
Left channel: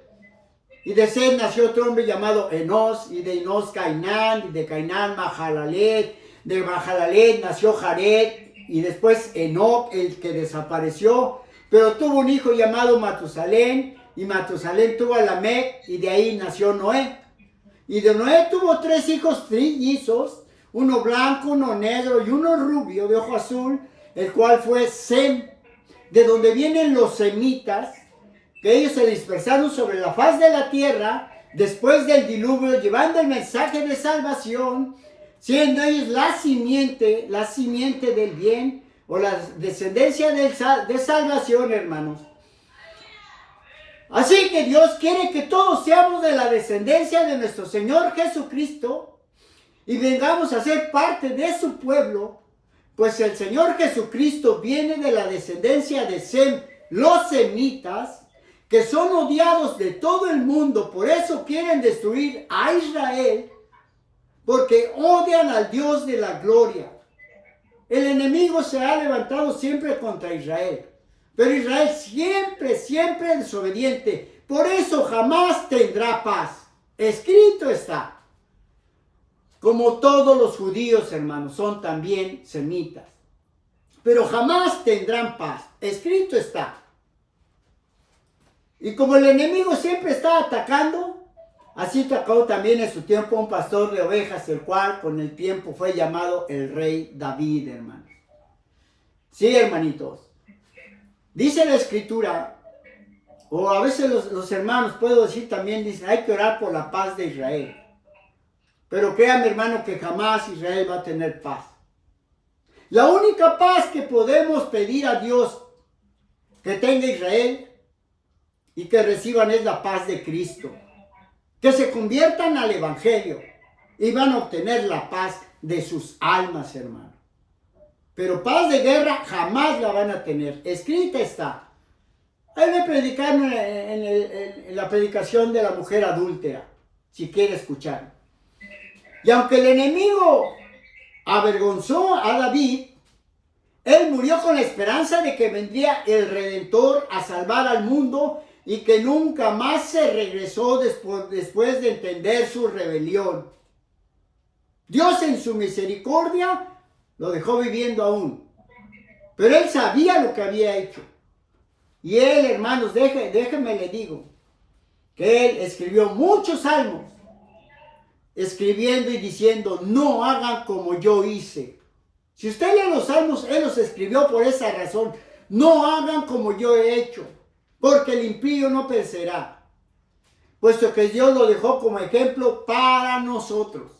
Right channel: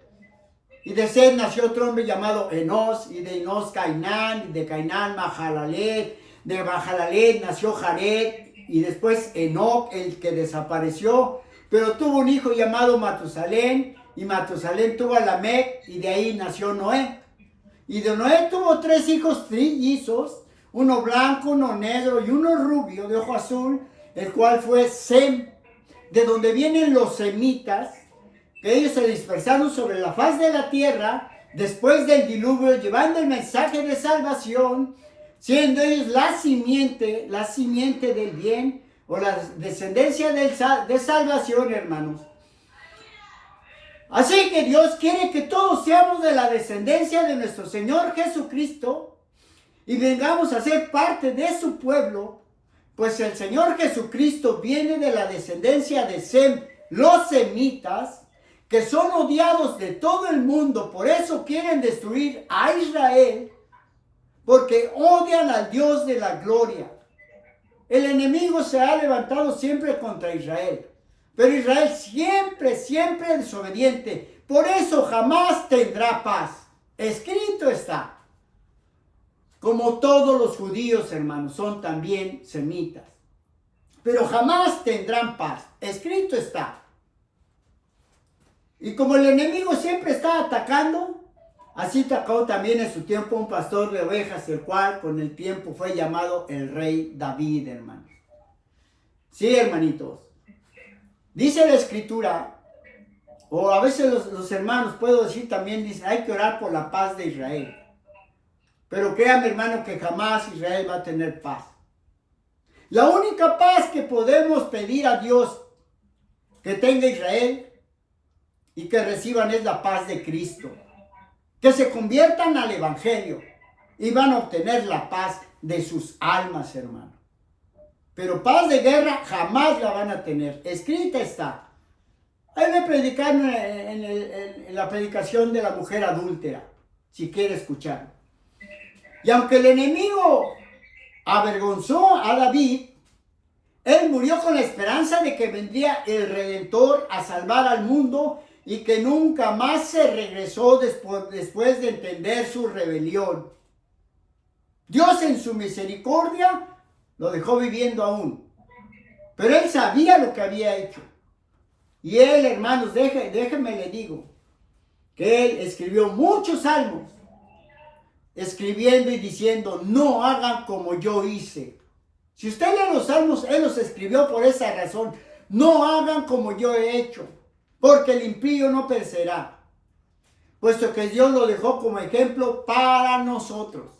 Y de Set nació otro hombre llamado Enos, y de Enos Cainán, y de Cainán Mahalalet, de Mahalalet nació Jared, y después Enoc, el que desapareció, pero tuvo un hijo llamado Matusalén, y Matusalén tuvo a Lamec, y de ahí nació Noé. Y de Noé tuvo 3 hijos trillizos, uno blanco, uno negro y uno rubio de ojo azul, el cual fue Sem, de donde vienen los semitas, que ellos se dispersaron sobre la faz de la tierra después del diluvio, llevando el mensaje de salvación, siendo ellos la simiente del bien, o la descendencia de salvación, hermanos. Así que Dios quiere que todos seamos de la descendencia de nuestro Señor Jesucristo, y vengamos a ser parte de su pueblo, pues el Señor Jesucristo viene de la descendencia de Sem, los semitas, que son odiados de todo el mundo, por eso quieren destruir a Israel, porque odian al Dios de la gloria. El enemigo se ha levantado siempre contra Israel, pero Israel siempre desobediente, por eso jamás tendrá paz. Escrito está. Como todos los judíos, hermanos, son también semitas, pero jamás tendrán paz. Escrito está. Y como el enemigo siempre está atacando, así atacó también en su tiempo un pastor de ovejas, el cual con el tiempo fue llamado el rey David, hermanos. Sí, hermanitos. Dice la escritura, o a veces los hermanos, puedo decir también, dicen, hay que orar por la paz de Israel. Pero créame, hermano, que jamás Israel va a tener paz. La única paz que podemos pedir a Dios que tenga Israel y que reciban es la paz de Cristo. Que se conviertan al Evangelio y van a obtener la paz de sus almas, hermano. Pero paz de guerra jamás la van a tener. Escrita está. Ahí me predicaron en la predicación de la mujer adúltera, si quiere escuchar. Y aunque el enemigo avergonzó a David, él murió con la esperanza de que vendría el Redentor a salvar al mundo y que nunca más se regresó después de entender su rebelión. Dios en su misericordia lo dejó viviendo aún, pero él sabía lo que había hecho. Y él, hermanos, déjenme le digo, que él escribió muchos salmos, escribiendo y diciendo, no hagan como yo hice. Si usted lee los salmos, él los escribió por esa razón. No hagan como yo he hecho, porque el impío no perecerá, puesto que Dios lo dejó como ejemplo para nosotros.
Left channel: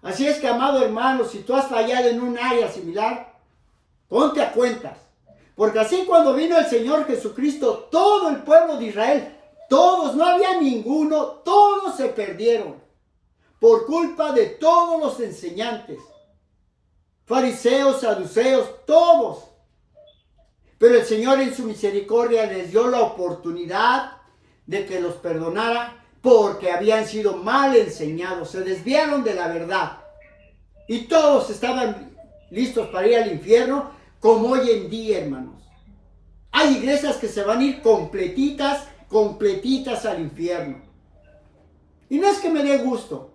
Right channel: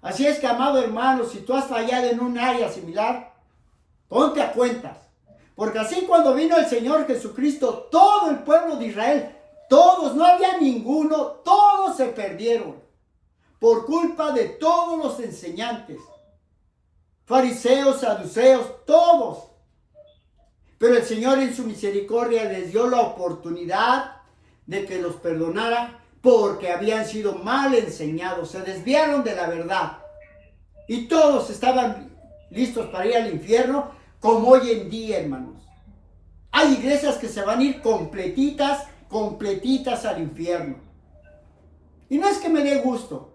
Así es que, amado hermano, si tú has fallado en un área similar, ponte a cuentas. Porque así cuando vino el Señor Jesucristo, todo el pueblo de Israel, todos, no había ninguno, todos se perdieron por culpa de todos los enseñantes, fariseos, saduceos, todos. Pero el Señor en su misericordia les dio la oportunidad de que los perdonara porque habían sido mal enseñados, se desviaron de la verdad. Y todos estaban listos para ir al infierno, como hoy en día, hermanos. Hay iglesias que se van a ir completitas al infierno. Y no es que me dé gusto,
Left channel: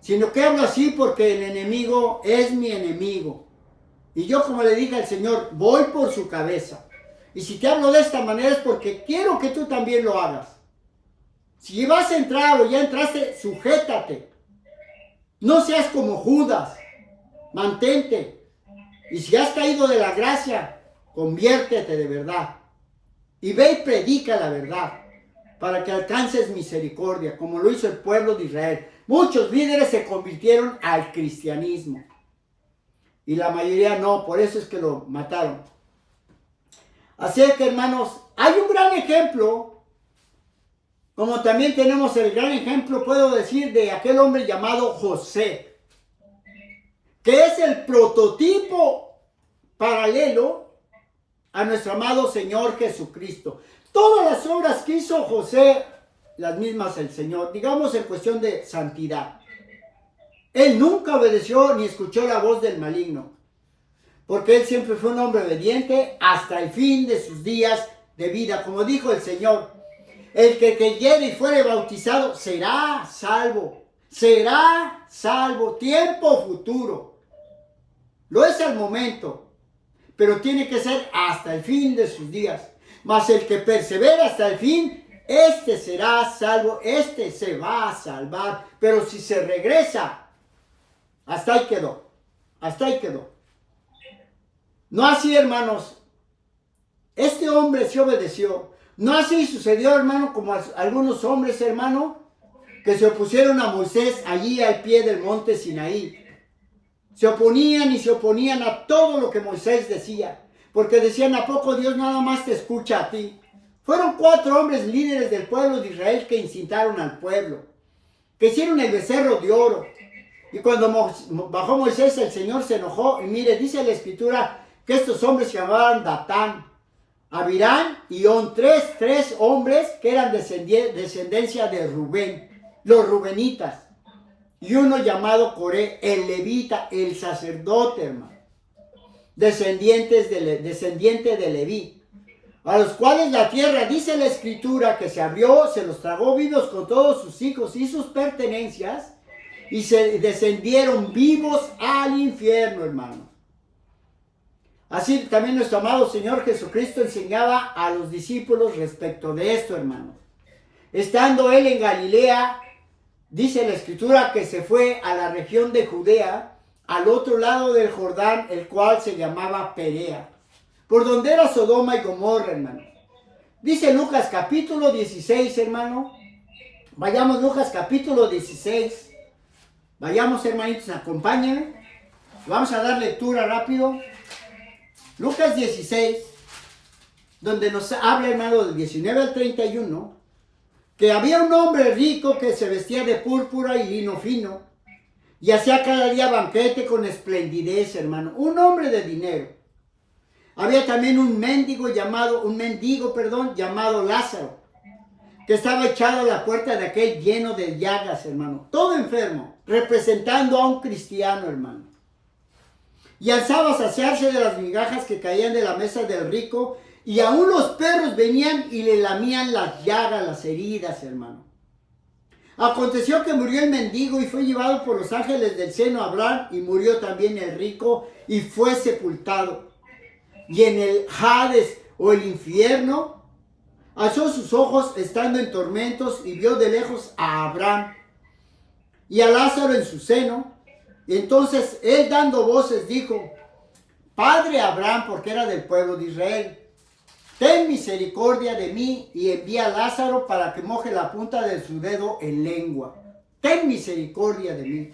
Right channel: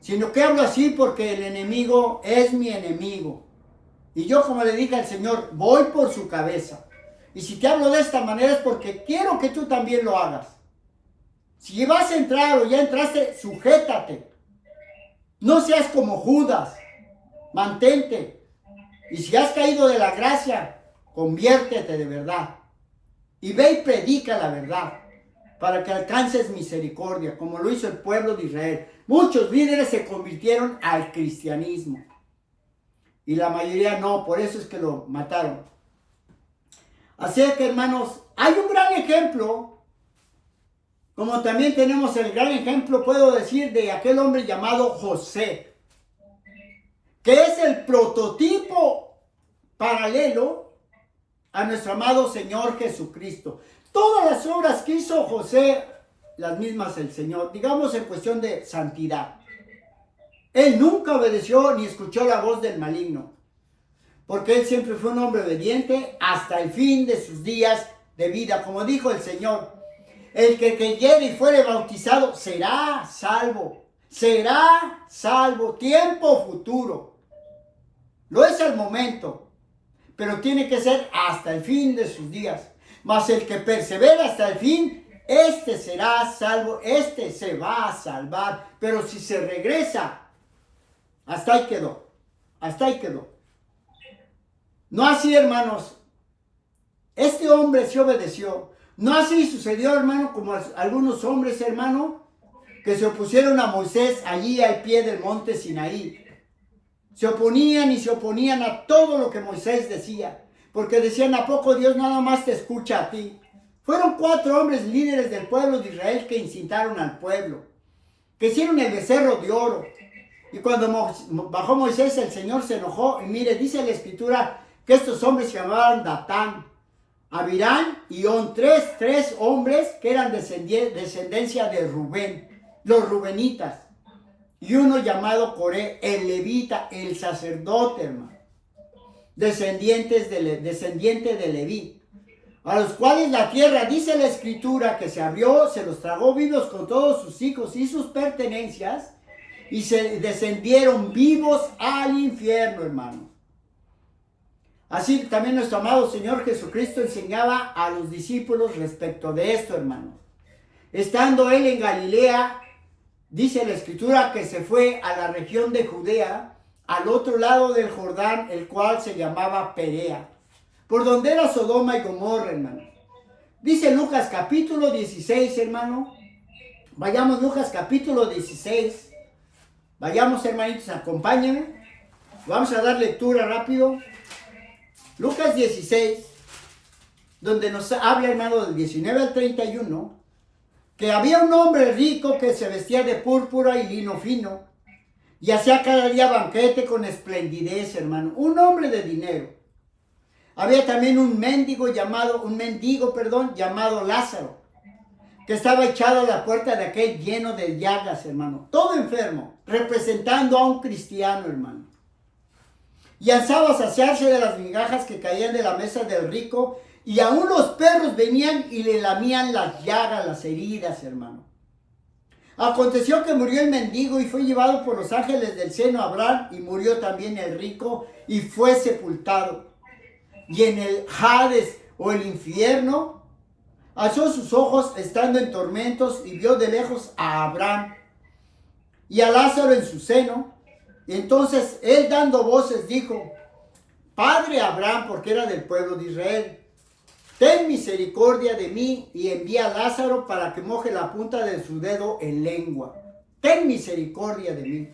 sino que hablo así porque el enemigo es mi enemigo. Y yo, como le dije al Señor, voy por su cabeza. Y si te hablo de esta manera es porque quiero que tú también lo hagas. Si vas a entrar o ya entraste, sujétate. No seas como Judas. Mantente. Y si has caído de la gracia, conviértete de verdad. y ve y predica la verdad para que alcances misericordia, como lo hizo el pueblo de Israel. Muchos líderes se convirtieron al cristianismo y la mayoría no, por eso es que lo mataron. Así es que, hermanos, hay un gran ejemplo, como también tenemos el gran ejemplo, puedo decir, de aquel hombre llamado José, que es el prototipo paralelo a nuestro amado Señor Jesucristo. Todas las obras que hizo José, las mismas el Señor, digamos en cuestión de santidad. Él nunca obedeció ni escuchó la voz del maligno, porque él siempre fue un hombre obediente hasta el fin de sus días de vida. Como dijo el Señor, el que creyere y fuere bautizado será salvo. Será salvo. Tiempo futuro. Lo es al momento, pero tiene que ser hasta el fin de sus días. Mas el que persevera hasta el fin, este será salvo, este se va a salvar. Pero si se regresa, hasta ahí quedó. Hasta ahí quedó. No así, hermanos. Este hombre se obedeció. No así sucedió, hermano, como algunos hombres, hermano, que se opusieron a Moisés allí al pie del monte Sinaí. Se oponían y se oponían a todo lo que Moisés decía, porque decían, ¿a poco Dios nada más te escucha a ti? Fueron 4 hombres líderes del pueblo de Israel que incitaron al pueblo, que hicieron el becerro de oro. Y cuando bajó Moisés, el Señor se enojó. Y mire, dice la Escritura que estos hombres se llamaban Datán, Abirán y On, tres hombres que eran descendencia de Rubén, los rubenitas. Y uno llamado Coré, el levita, el sacerdote, hermano, descendiente de Leví, a los cuales la tierra, dice la Escritura, que se abrió, se los tragó vivos con todos sus hijos y sus pertenencias, y se descendieron vivos al infierno, hermano. Así también nuestro amado Señor Jesucristo enseñaba a los discípulos respecto de esto, hermano. Estando él en Galilea, dice la Escritura que se fue a la región de Judea, al otro lado del Jordán, el cual se llamaba Perea, por donde era Sodoma y Gomorra, hermano. Dice Lucas capítulo 16, hermano. Vayamos, Lucas capítulo 16. Vayamos, hermanitos, acompáñenme. Vamos a dar lectura rápido. Lucas 16, donde nos habla, hermano, del 19 al 31, que había un hombre rico que se vestía de púrpura y lino fino, y hacía cada día banquete con esplendidez, hermano. Un hombre de dinero. Había también un mendigo llamado Lázaro, que estaba echado a la puerta de aquel lleno de llagas, hermano, todo enfermo, representando a un cristiano, hermano. Y alzaba a saciarse de las migajas que caían de la mesa del rico, y aún los perros venían y le lamían las llagas, las heridas, hermano. Aconteció que murió el mendigo y fue llevado por los ángeles del seno a Abraham, y murió también el rico y fue sepultado. Y en el Hades, o el infierno, alzó sus ojos estando en tormentos y vio de lejos a Abraham y a Lázaro en su seno. Y entonces él, dando voces, dijo: Padre Abraham, porque era del pueblo de Israel, ten misericordia de mí y envía a Lázaro para que moje la punta de su dedo en lengua. Ten misericordia de mí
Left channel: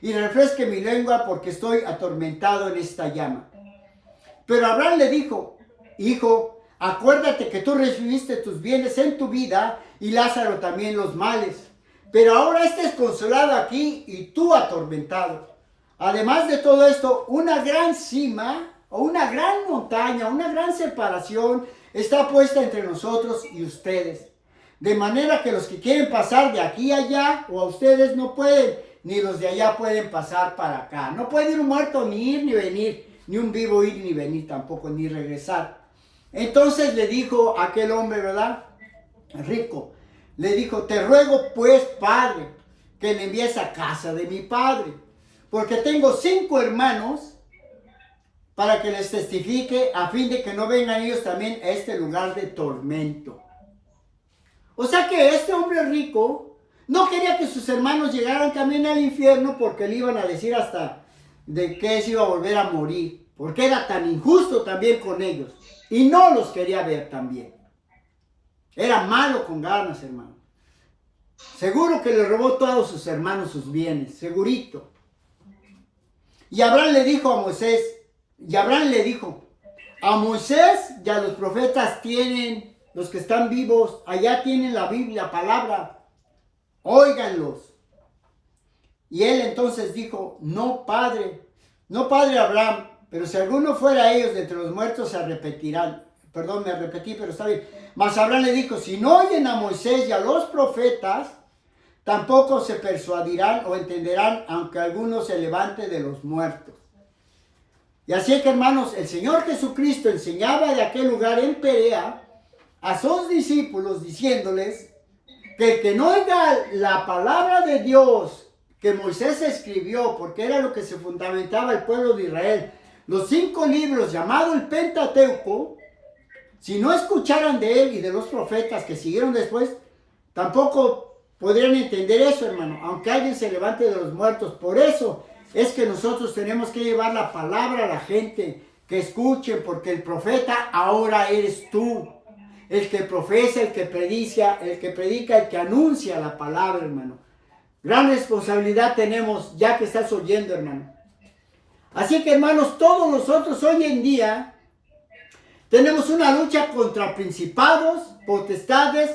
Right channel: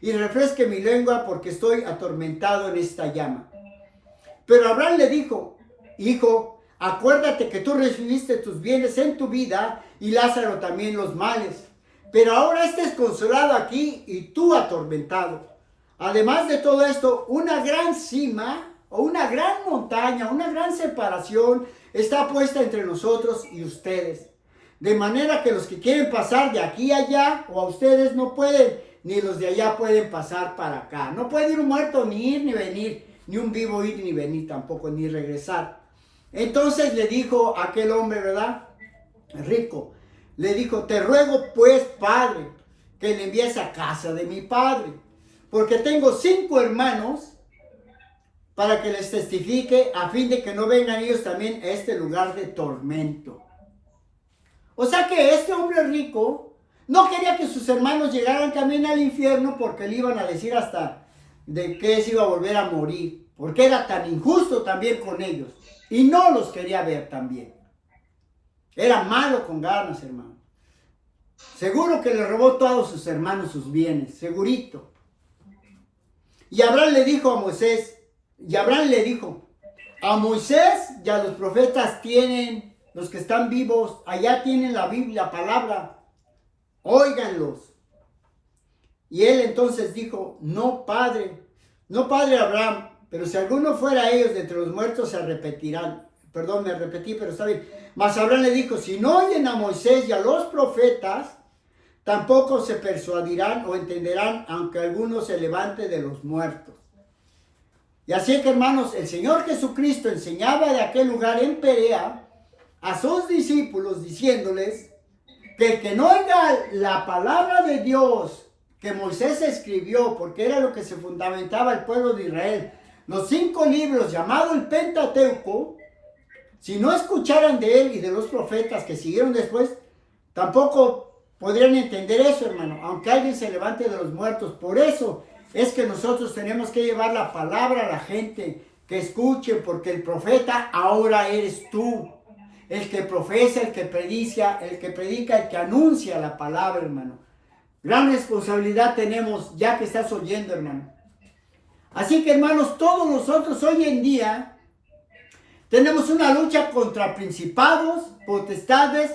y refresque mi lengua, porque estoy atormentado en esta llama. Pero Abraham le dijo: Hijo, acuérdate que tú recibiste tus bienes en tu vida y Lázaro también los males. Pero ahora estés consolado aquí y tú atormentado. Además de todo esto, una gran cima o una gran montaña, una gran separación está puesta entre nosotros y ustedes. De manera que los que quieren pasar de aquí a allá o a ustedes no pueden, ni los de allá pueden pasar para acá. No puede ir un muerto ni ir ni venir, ni un vivo ir ni venir tampoco, ni regresar. Entonces le dijo aquel hombre, ¿verdad? Rico. Le dijo: te ruego pues, Padre, que le envíes a casa de mi padre, porque tengo 5 hermanos, para que les testifique, a fin de que no vengan ellos también a este lugar de tormento. O sea que este hombre rico no quería que sus hermanos llegaran también al infierno, porque le iban a decir hasta de que se iba a volver a morir, porque era tan injusto también con ellos, y no los quería ver también. Era malo con ganas, hermano. Seguro que le robó a todos sus hermanos sus bienes, segurito. Y Abraham le dijo a Moisés, a Moisés y a los profetas tienen, los que están vivos, allá tienen la Biblia, la palabra, óiganlos. Y él entonces dijo, no padre Abraham, pero si alguno fuera ellos de entre los muertos se arrepentirán. Perdón, me repetí, pero está bien. Mas Abraham le dijo, si no oyen a Moisés y a los profetas, tampoco se persuadirán o entenderán, aunque alguno se levante de los muertos. Y así que, hermanos, el Señor Jesucristo enseñaba de aquel lugar en Perea a sus discípulos diciéndoles que el que no oiga la palabra de Dios que Moisés escribió, porque era lo que se fundamentaba el pueblo de Israel, los 5 libros llamados el Pentateuco, si no escucharan de él y de los profetas que siguieron después, tampoco podrían entender eso, hermano, aunque alguien se levante de los muertos. Por eso es que nosotros tenemos que llevar la palabra a la gente, que escuchen, porque el profeta ahora eres tú, el que profesa, el que predica, el que anuncia la palabra, hermano. Gran responsabilidad tenemos ya que estás oyendo, hermano. Así que, hermanos, todos nosotros hoy en día tenemos una lucha contra principados, potestades,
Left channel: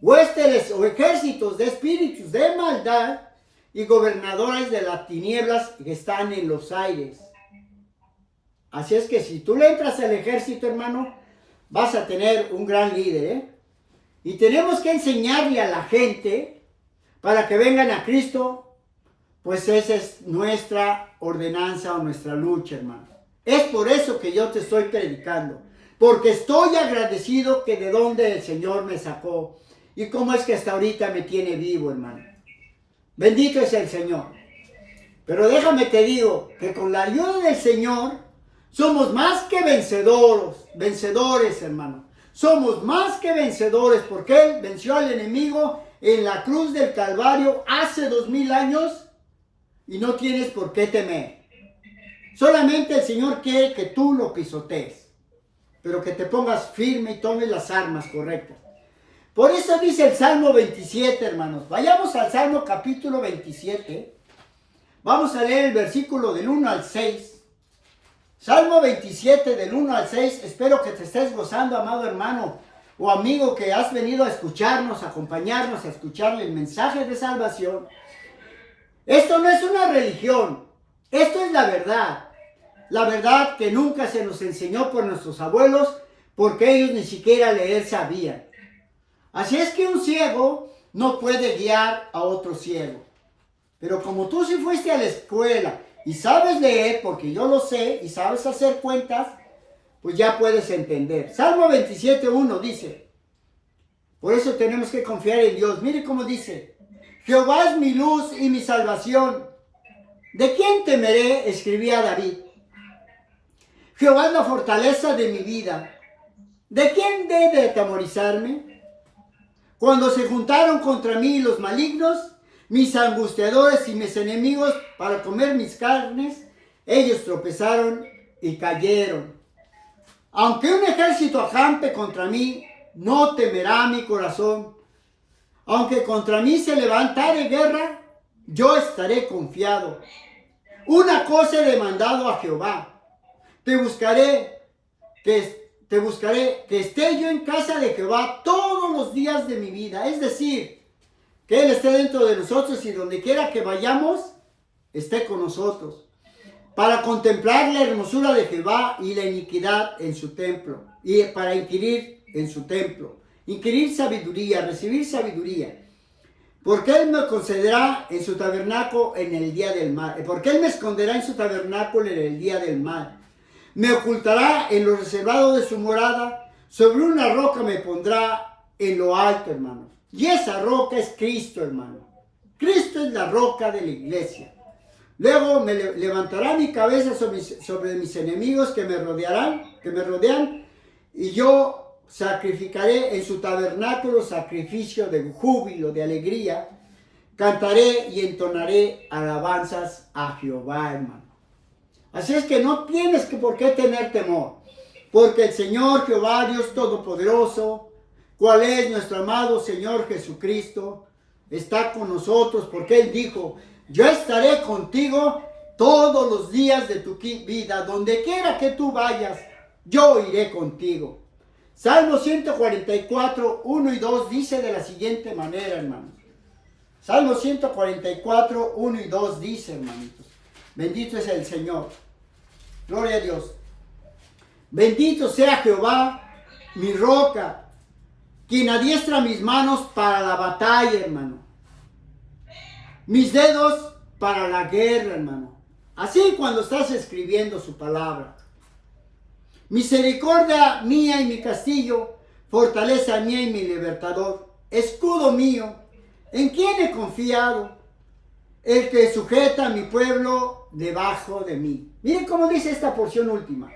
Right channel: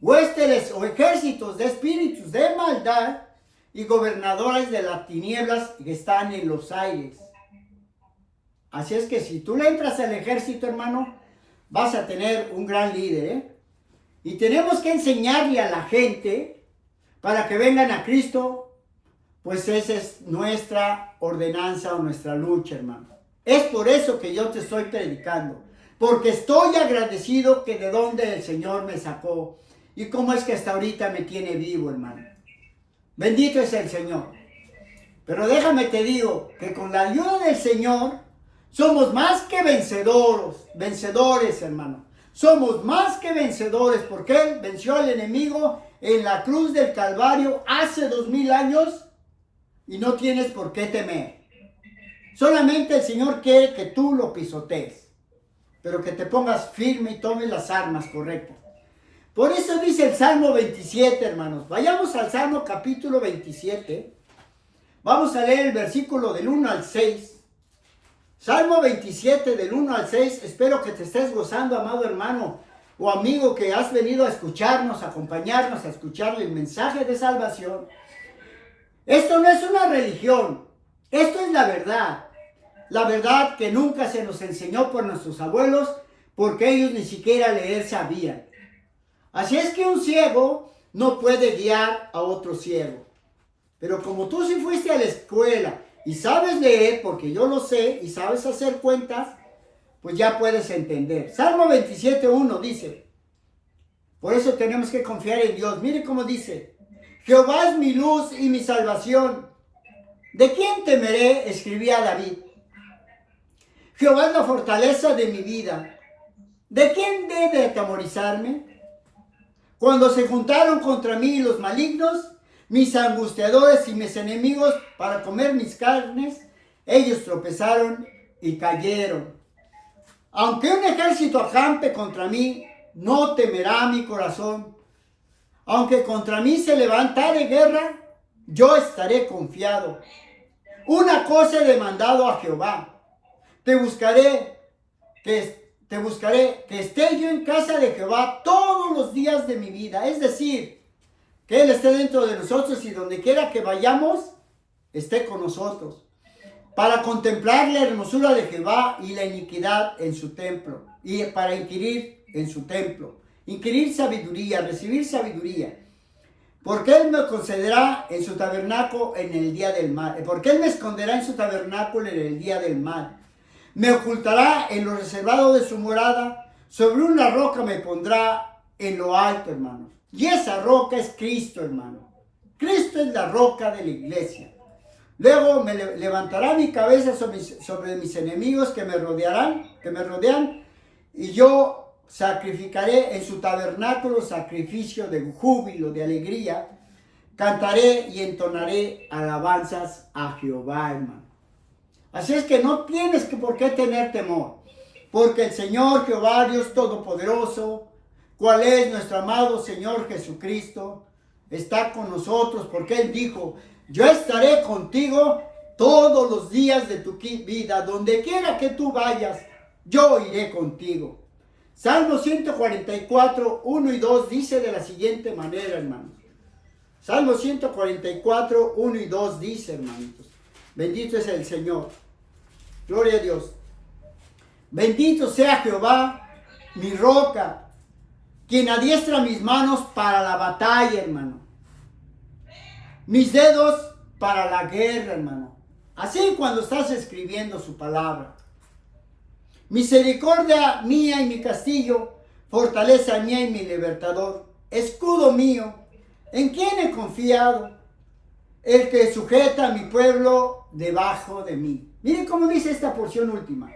huestes o ejércitos de espíritus de maldad y gobernadores de las tinieblas que están en los aires. Así es que si tú le entras al ejército, hermano, vas a tener un gran líder, ¿eh? Y tenemos que enseñarle a la gente para que vengan a Cristo, pues esa es nuestra ordenanza o nuestra lucha, hermano. Es por eso que yo te estoy predicando, porque estoy agradecido que de donde el Señor me sacó y cómo es que hasta ahorita me tiene vivo, hermano. Bendito es el Señor. Pero déjame te digo que con la ayuda del Señor somos más que vencedores, hermano. Somos más que vencedores porque Él venció al enemigo en la cruz del Calvario hace 2000 años y no tienes por qué temer. Solamente el Señor quiere que tú lo pisotees, pero que te pongas firme y tomes las armas correctas. Por eso dice el Salmo 27, hermanos. Vayamos al Salmo capítulo 27. Vamos a leer el versículo del 1 al 6. Salmo 27 del 1 al 6. Espero que te estés gozando, amado hermano o amigo que has venido a escucharnos, a acompañarnos, a escucharle el mensaje de salvación. Esto no es una religión. Esto es la verdad. La verdad que nunca se nos enseñó por nuestros abuelos, porque ellos ni siquiera leer sabían. Así es que un ciego no puede guiar a otro ciego. Pero como tú sí fuiste a la escuela y sabes leer, porque yo lo sé, y sabes hacer cuentas, pues ya puedes entender. Salmo 27:1 dice, por eso tenemos que confiar en Dios. Mire cómo dice, Jehová es mi luz y mi salvación. ¿De quién temeré? Escribía David. Jehová es la fortaleza de mi vida. ¿De quién debe atemorizarme? Cuando se juntaron contra mí los malignos, mis angustiadores y mis enemigos para comer mis carnes, ellos tropezaron y cayeron. Aunque un ejército acampe contra mí, no temerá mi corazón. Aunque contra mí se levantare guerra, yo estaré confiado. Una cosa he demandado a Jehová. Te buscaré que esté yo en casa de Jehová todos los días de mi vida. Es decir, que Él esté dentro de nosotros y donde quiera que vayamos, esté con nosotros. Para contemplar la hermosura de Jehová y la iniquidad en su templo. Y para inquirir en su templo. Inquirir sabiduría, recibir sabiduría. Porque Él me concederá en su tabernáculo en el día del mal. Porque Él me esconderá en su tabernáculo en el día del mal. Me ocultará en lo reservado de su morada. Sobre una roca me pondrá en lo alto, hermanos. Y esa roca es Cristo, hermano. Cristo es la roca de la iglesia. Luego me levantará mi cabeza sobre mis enemigos que me rodean, y yo sacrificaré en su tabernáculo sacrificio de júbilo, de alegría. Cantaré y entonaré alabanzas a Jehová, hermano. Así es que no tienes por qué tener temor, porque el Señor Jehová, Dios Todopoderoso, cuál es nuestro amado Señor Jesucristo. Está con nosotros porque Él dijo, yo estaré contigo todos los días de tu vida, donde quiera que tú vayas, yo iré contigo. Salmo 144, 1 y 2 dice de la siguiente manera, hermanos. Salmo 144, 1 y 2 dice, hermanitos, bendito es el Señor. Gloria a Dios. Bendito sea Jehová, mi roca, quien adiestra mis manos para la batalla, hermano. Mis dedos para la guerra, hermano. Así cuando estás escribiendo su palabra. Misericordia mía y mi castillo, fortaleza mía y mi libertador, escudo mío, ¿en quién he confiado? El que sujeta a mi pueblo debajo de mí. Miren cómo dice esta porción última.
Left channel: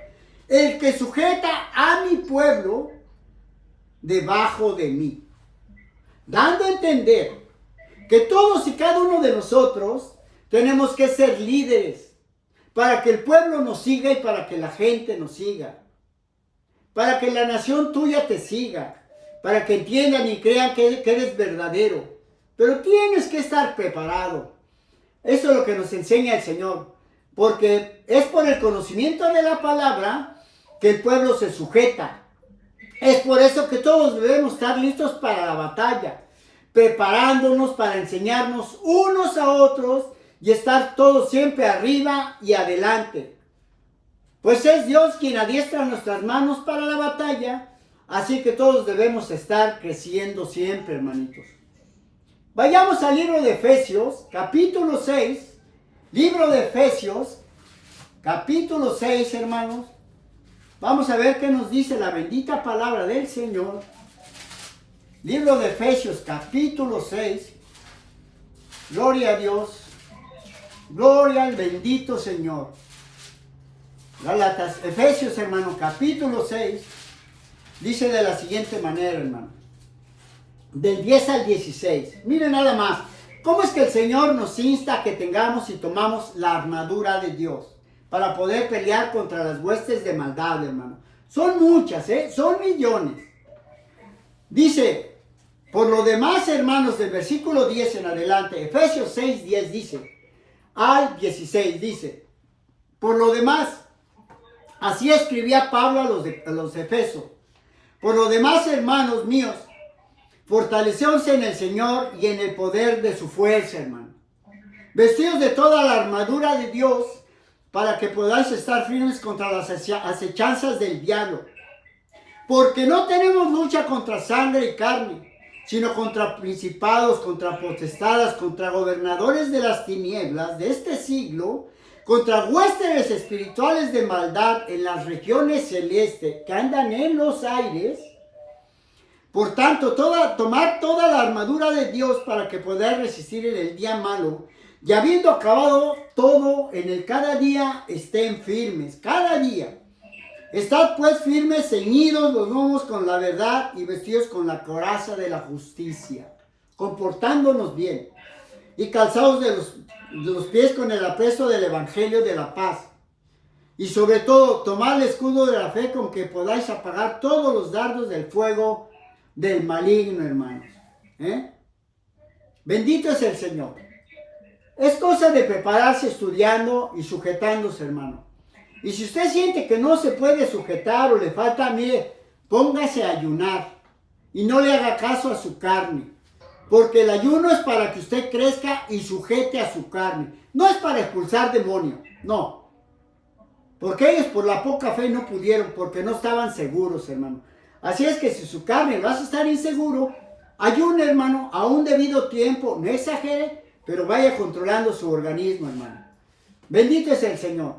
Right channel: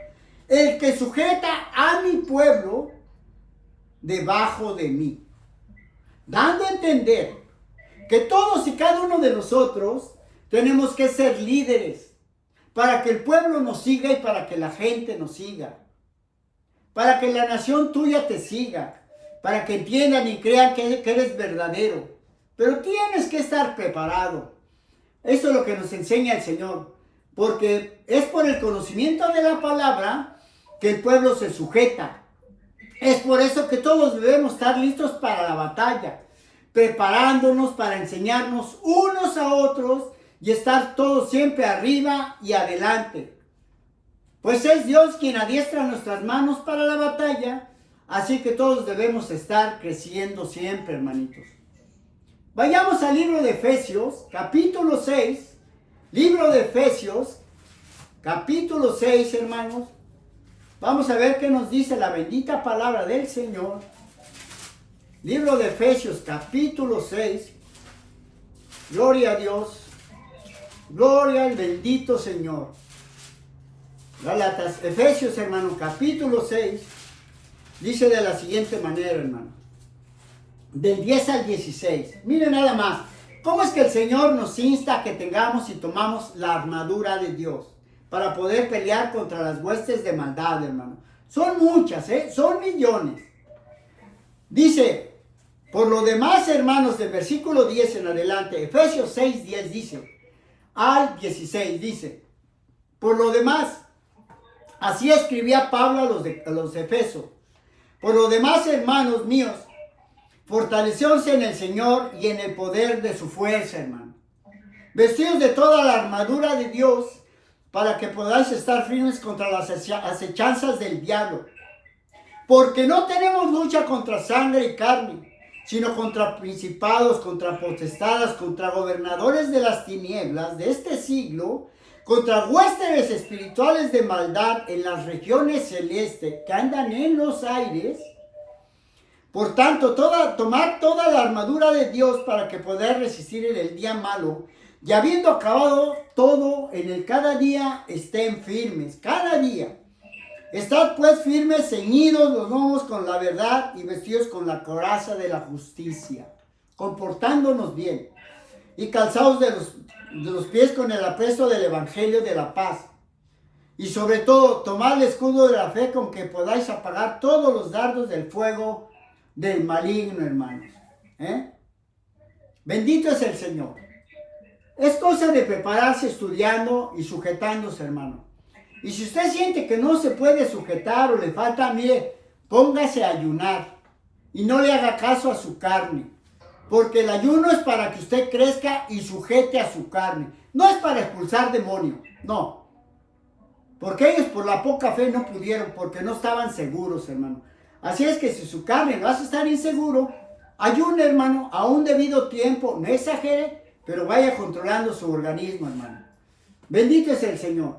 El que sujeta a mi pueblo debajo de mí. Dando a entender que todos y cada uno de nosotros tenemos que ser líderes para que el pueblo nos siga y para que la gente nos siga. Para que la nación tuya te siga. Para que entiendan y crean que eres verdadero. Pero tienes que estar preparado. Eso es lo que nos enseña el Señor. Porque es por el conocimiento de la palabra que el pueblo se sujeta. Es por eso que todos debemos estar listos para la batalla. Preparándonos para enseñarnos unos a otros y estar todos siempre arriba y adelante. Pues es Dios quien adiestra nuestras manos para la batalla. Así que todos debemos estar creciendo siempre, hermanitos. Vayamos al libro de Efesios, capítulo 6. Libro de Efesios, capítulo 6, hermanos. Vamos a ver qué nos dice la bendita palabra del Señor. Libro de Efesios, capítulo 6. Gloria a Dios. Gloria al bendito Señor. Gálatas, Efesios, hermano, capítulo 6. Dice de la siguiente manera, hermano. Del 10 al 16. Miren nada más. ¿Cómo es que el Señor nos insta a que tengamos y tomamos la armadura de Dios para poder pelear contra las huestes de maldad, hermano? Son muchas, son millones. Dice, por lo demás, hermanos, del versículo 10 en adelante, Efesios 6, 10 dice, al 16 dice, por lo demás, así escribía Pablo a los Efesios, por lo demás, hermanos míos, fortalecióse en el Señor y en el poder de su fuerza, hermano. Vestidos de toda la armadura de Dios para que podáis estar firmes contra las acechanzas del diablo. Porque no tenemos lucha contra sangre y carne, sino contra principados, contra potestades, contra gobernadores de las tinieblas de este siglo, contra huestes espirituales de maldad en las celestes que andan en los aires. Por tanto, tomar toda la armadura de Dios para que podáis resistir en el día malo, y habiendo acabado todo en el cada día, estén firmes, cada día. Estad pues firmes, ceñidos los lomos con la verdad y vestidos con la coraza de la justicia, comportándonos bien, y calzados de los pies con el apresto del evangelio de la paz. Y sobre todo, tomad el escudo de la fe con que podáis apagar todos los dardos del fuego del maligno, hermanos. Bendito es el Señor. Es cosa de prepararse estudiando y sujetándose, hermano. Y si usted siente que no se puede sujetar o le falta, mire, póngase a ayunar y no le haga caso a su carne. Porque el ayuno es para que usted crezca y sujete a su carne. No es para expulsar demonios, no. Porque ellos por la poca fe no pudieron, porque no estaban seguros, hermano. Así es que si su carne vas a estar inseguro, ayune, hermano, a un debido tiempo, no exagere, pero vaya controlando su organismo, hermano. Bendito es el Señor.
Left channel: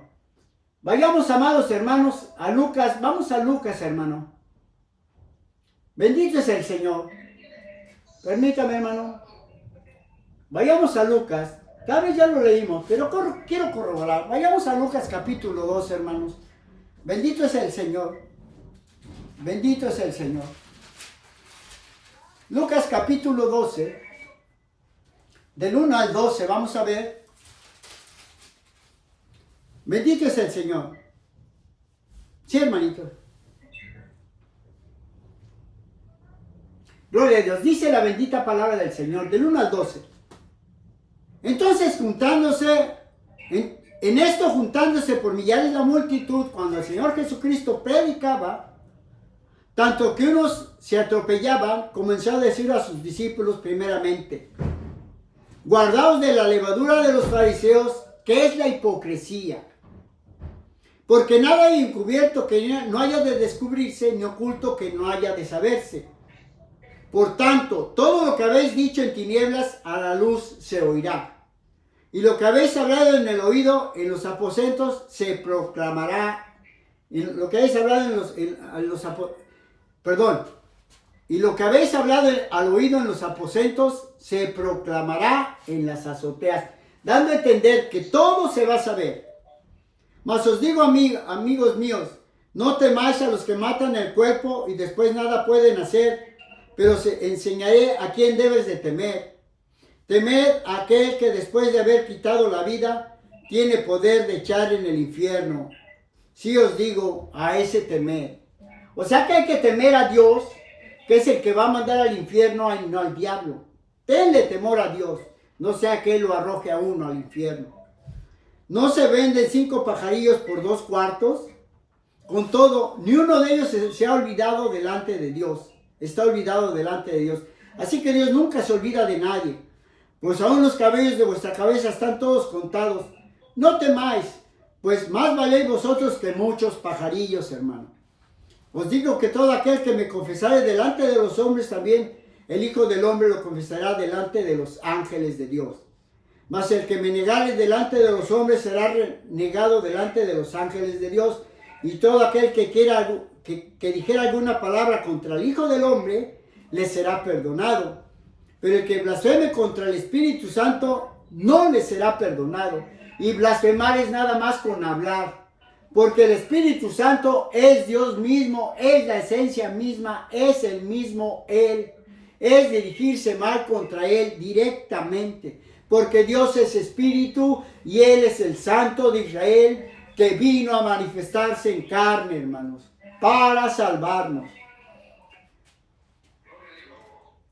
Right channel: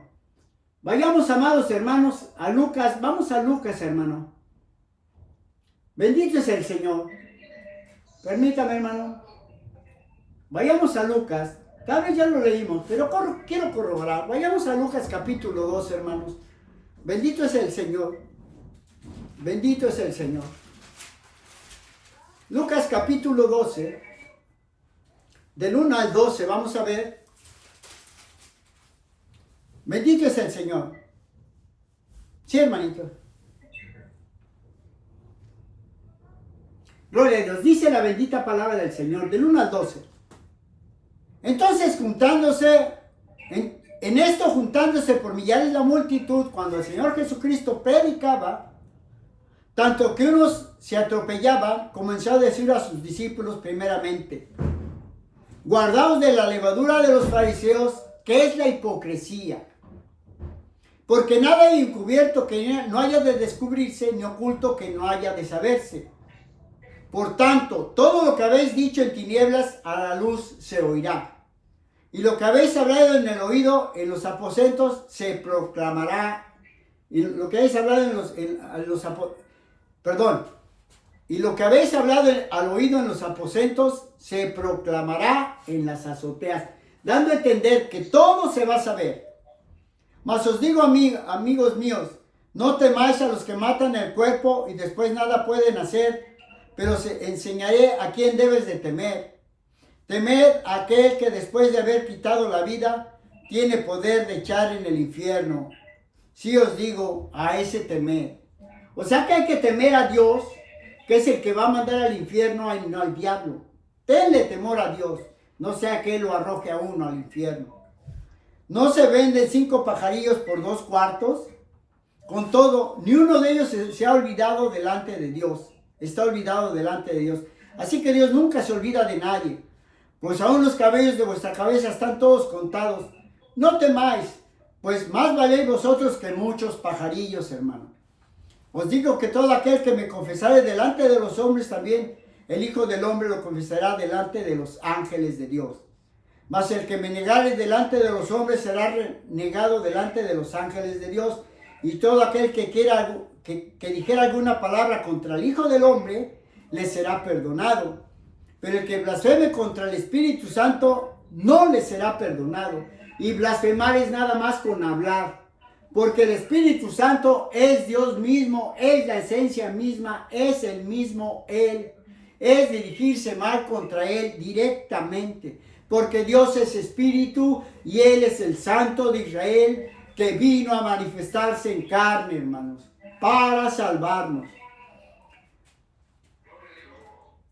Vayamos, amados hermanos, a Lucas. Vamos a Lucas, hermano. Bendito es el Señor. Permítame, hermano. Vayamos a Lucas. Tal vez ya lo leímos, pero quiero corroborar. Vayamos a Lucas capítulo 2, hermanos. Bendito es el Señor. Bendito es el Señor. Lucas capítulo 12. Del 1 al 12, vamos a ver. Bendito es el Señor. Sí, hermanito. Gloria a Dios. Dice la bendita palabra del Señor, del 1 al 12. Entonces, en esto juntándose por millares la multitud, cuando el Señor Jesucristo predicaba, tanto que unos se atropellaban, comenzó a decir a sus discípulos primeramente: guardaos de la levadura de los fariseos, que es la hipocresía. Porque nada hay encubierto que no haya de descubrirse, ni oculto que no haya de saberse. Por tanto, todo lo que habéis dicho en tinieblas, a la luz se oirá. Y lo que habéis hablado en el oído, en los aposentos, se proclamará. Y lo que habéis hablado y lo que habéis hablado al oído en los aposentos, se proclamará en las azoteas. Dando a entender que todo se va a saber. Mas os digo, amigos míos, no temáis a los que matan el cuerpo y después nada pueden hacer, pero os enseñaré a quién debes de temer. Temed a aquel que después de haber quitado la vida, tiene poder de echar en el infierno. Sí os digo, a ese temer. O sea que hay que temer a Dios, que es el que va a mandar al infierno y no al diablo. Tenle temor a Dios, no sea que Él lo arroje a uno al infierno. ¿No se venden 5 pajarillos por 2 cuartos? Con todo, ni uno de ellos se ha olvidado delante de Dios. Está olvidado delante de Dios. Así que Dios nunca se olvida de nadie. Pues aún los cabellos de vuestra cabeza están todos contados. No temáis, pues más valéis vosotros que muchos pajarillos, hermano. Os digo que todo aquel que me confesare delante de los hombres, también el Hijo del Hombre lo confesará delante de los ángeles de Dios. Mas el que me negare delante de los hombres será negado delante de los ángeles de Dios. Y todo aquel que dijera alguna palabra contra el Hijo del Hombre, le será perdonado. Pero el que blasfeme contra el Espíritu Santo, no le será perdonado. Y blasfemar es nada más con hablar. Porque el Espíritu Santo es Dios mismo, es la esencia misma, es el mismo Él. Es dirigirse mal contra Él directamente. Porque Dios es Espíritu y Él es el Santo de Israel, que vino a manifestarse en carne, hermanos, para salvarnos.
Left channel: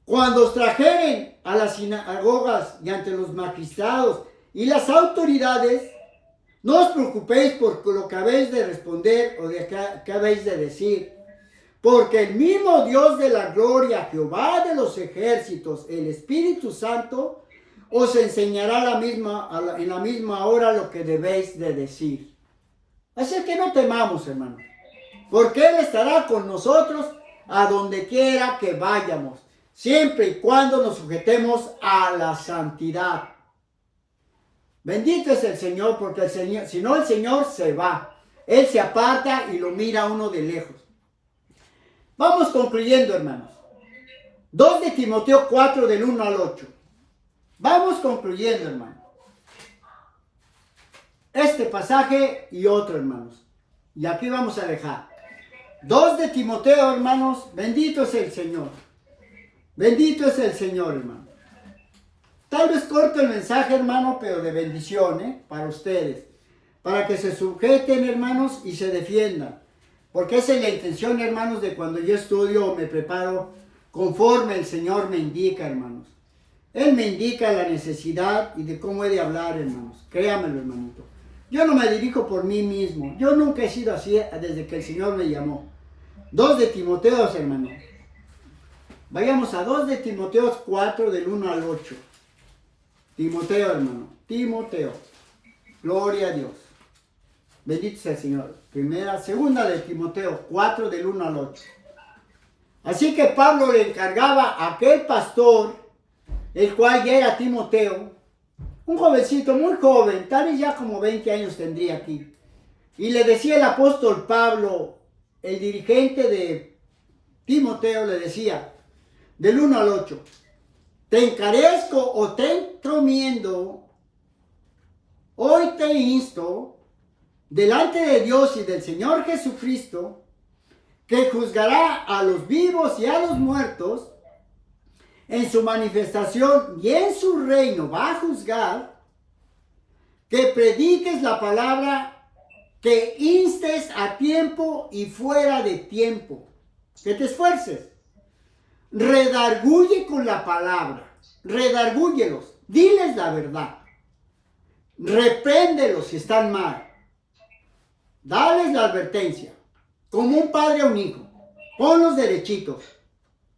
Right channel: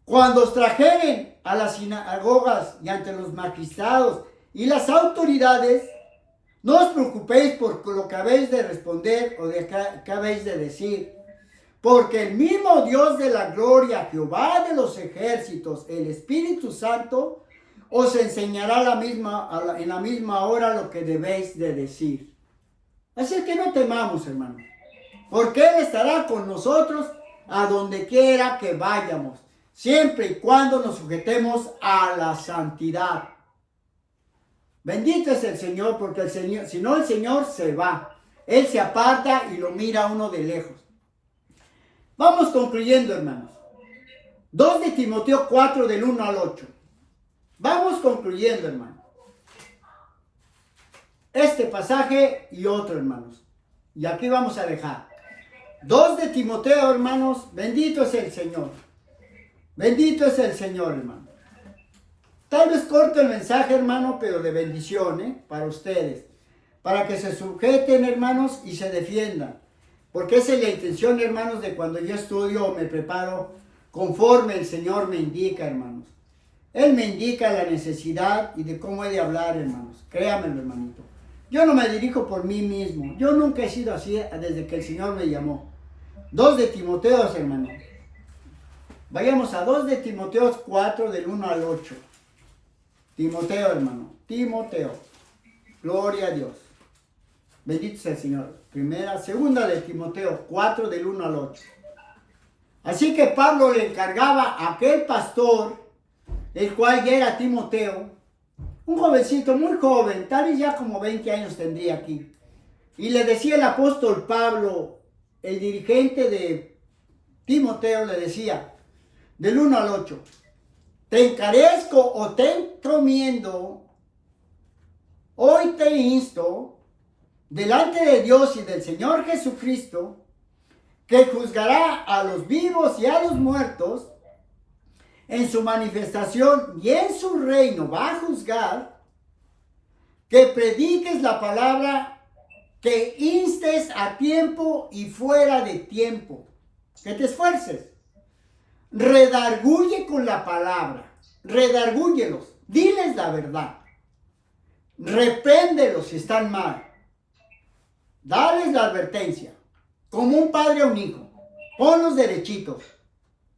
Cuando os trajeren a las sinagogas y ante los magistrados y las autoridades, no os preocupéis por lo que habéis de responder o de qué habéis de decir, porque el mismo Dios de la gloria, Jehová de los ejércitos, el Espíritu Santo, os enseñará en la misma hora lo que debéis de decir. Así que no temamos, hermanos, porque Él estará con nosotros a donde quiera que vayamos, siempre y cuando nos sujetemos a la santidad. Bendito es el Señor, porque el Señor, si no, el Señor se va. Él se aparta y lo mira a uno de lejos. Vamos concluyendo, hermanos. 2 de Timoteo 4, del 1 al 8. Vamos concluyendo, hermanos. Este pasaje y otro, hermanos. Y aquí vamos a dejar. 2 de Timoteo, hermanos. Bendito es el Señor. Bendito es el Señor, hermano. Tal vez corto el mensaje, hermano, pero de bendición, para ustedes. Para que se sujeten, hermanos, y se defiendan. Porque esa es la intención, hermanos, de cuando yo estudio o me preparo, conforme el Señor me indica, hermanos. Él me indica la necesidad y de cómo he de hablar, hermanos. Créamelo, hermanito. Yo no me dirijo por mí mismo. Yo nunca he sido así desde que el Señor me llamó. 2 de Timoteo, hermanos. Vayamos a 2 de Timoteo 4, del 1 al 8. Timoteo, hermano. Timoteo. Gloria a Dios. Bendito sea el Señor. Segunda de Timoteo 4, del 1 al 8. Así que Pablo le encargaba a aquel pastor, el cual ya era Timoteo, un jovencito muy joven, tal vez ya como 20 años tendría aquí. Y le decía el apóstol Pablo, el dirigente de Timoteo, le decía, del 1 al 8, te encarezco o te encomiendo, hoy te insto, delante de Dios y del Señor Jesucristo, que juzgará a los vivos y a los muertos, en su manifestación y en su reino va a juzgar, que prediques la palabra, que instes a tiempo y fuera de tiempo, que te esfuerces. redarguye con la palabra, redargúyelos, diles la verdad, repréndelos si están mal, dales la advertencia, como un padre a un hijo, ponlos derechitos,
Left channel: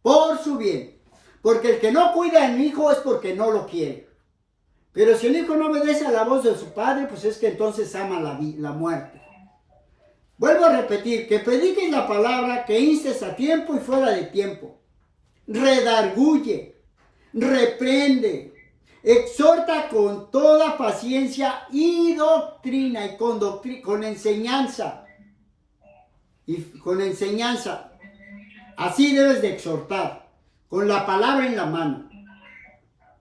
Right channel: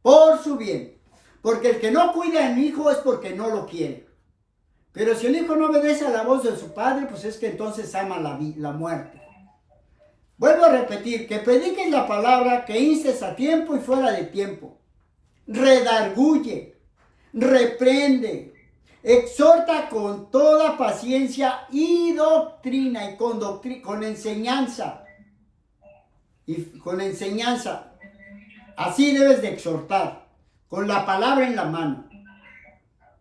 por su bien, porque el que no cuida al hijo es porque no lo quiere. Pero si el hijo no obedece a la voz de su padre, pues es que entonces ama la muerte. Vuelvo a repetir, que prediques la palabra, que instes a tiempo y fuera de tiempo. Redarguye, reprende, exhorta con toda paciencia y doctrina, y con enseñanza. Y con enseñanza. Así debes de exhortar, con la palabra en la mano.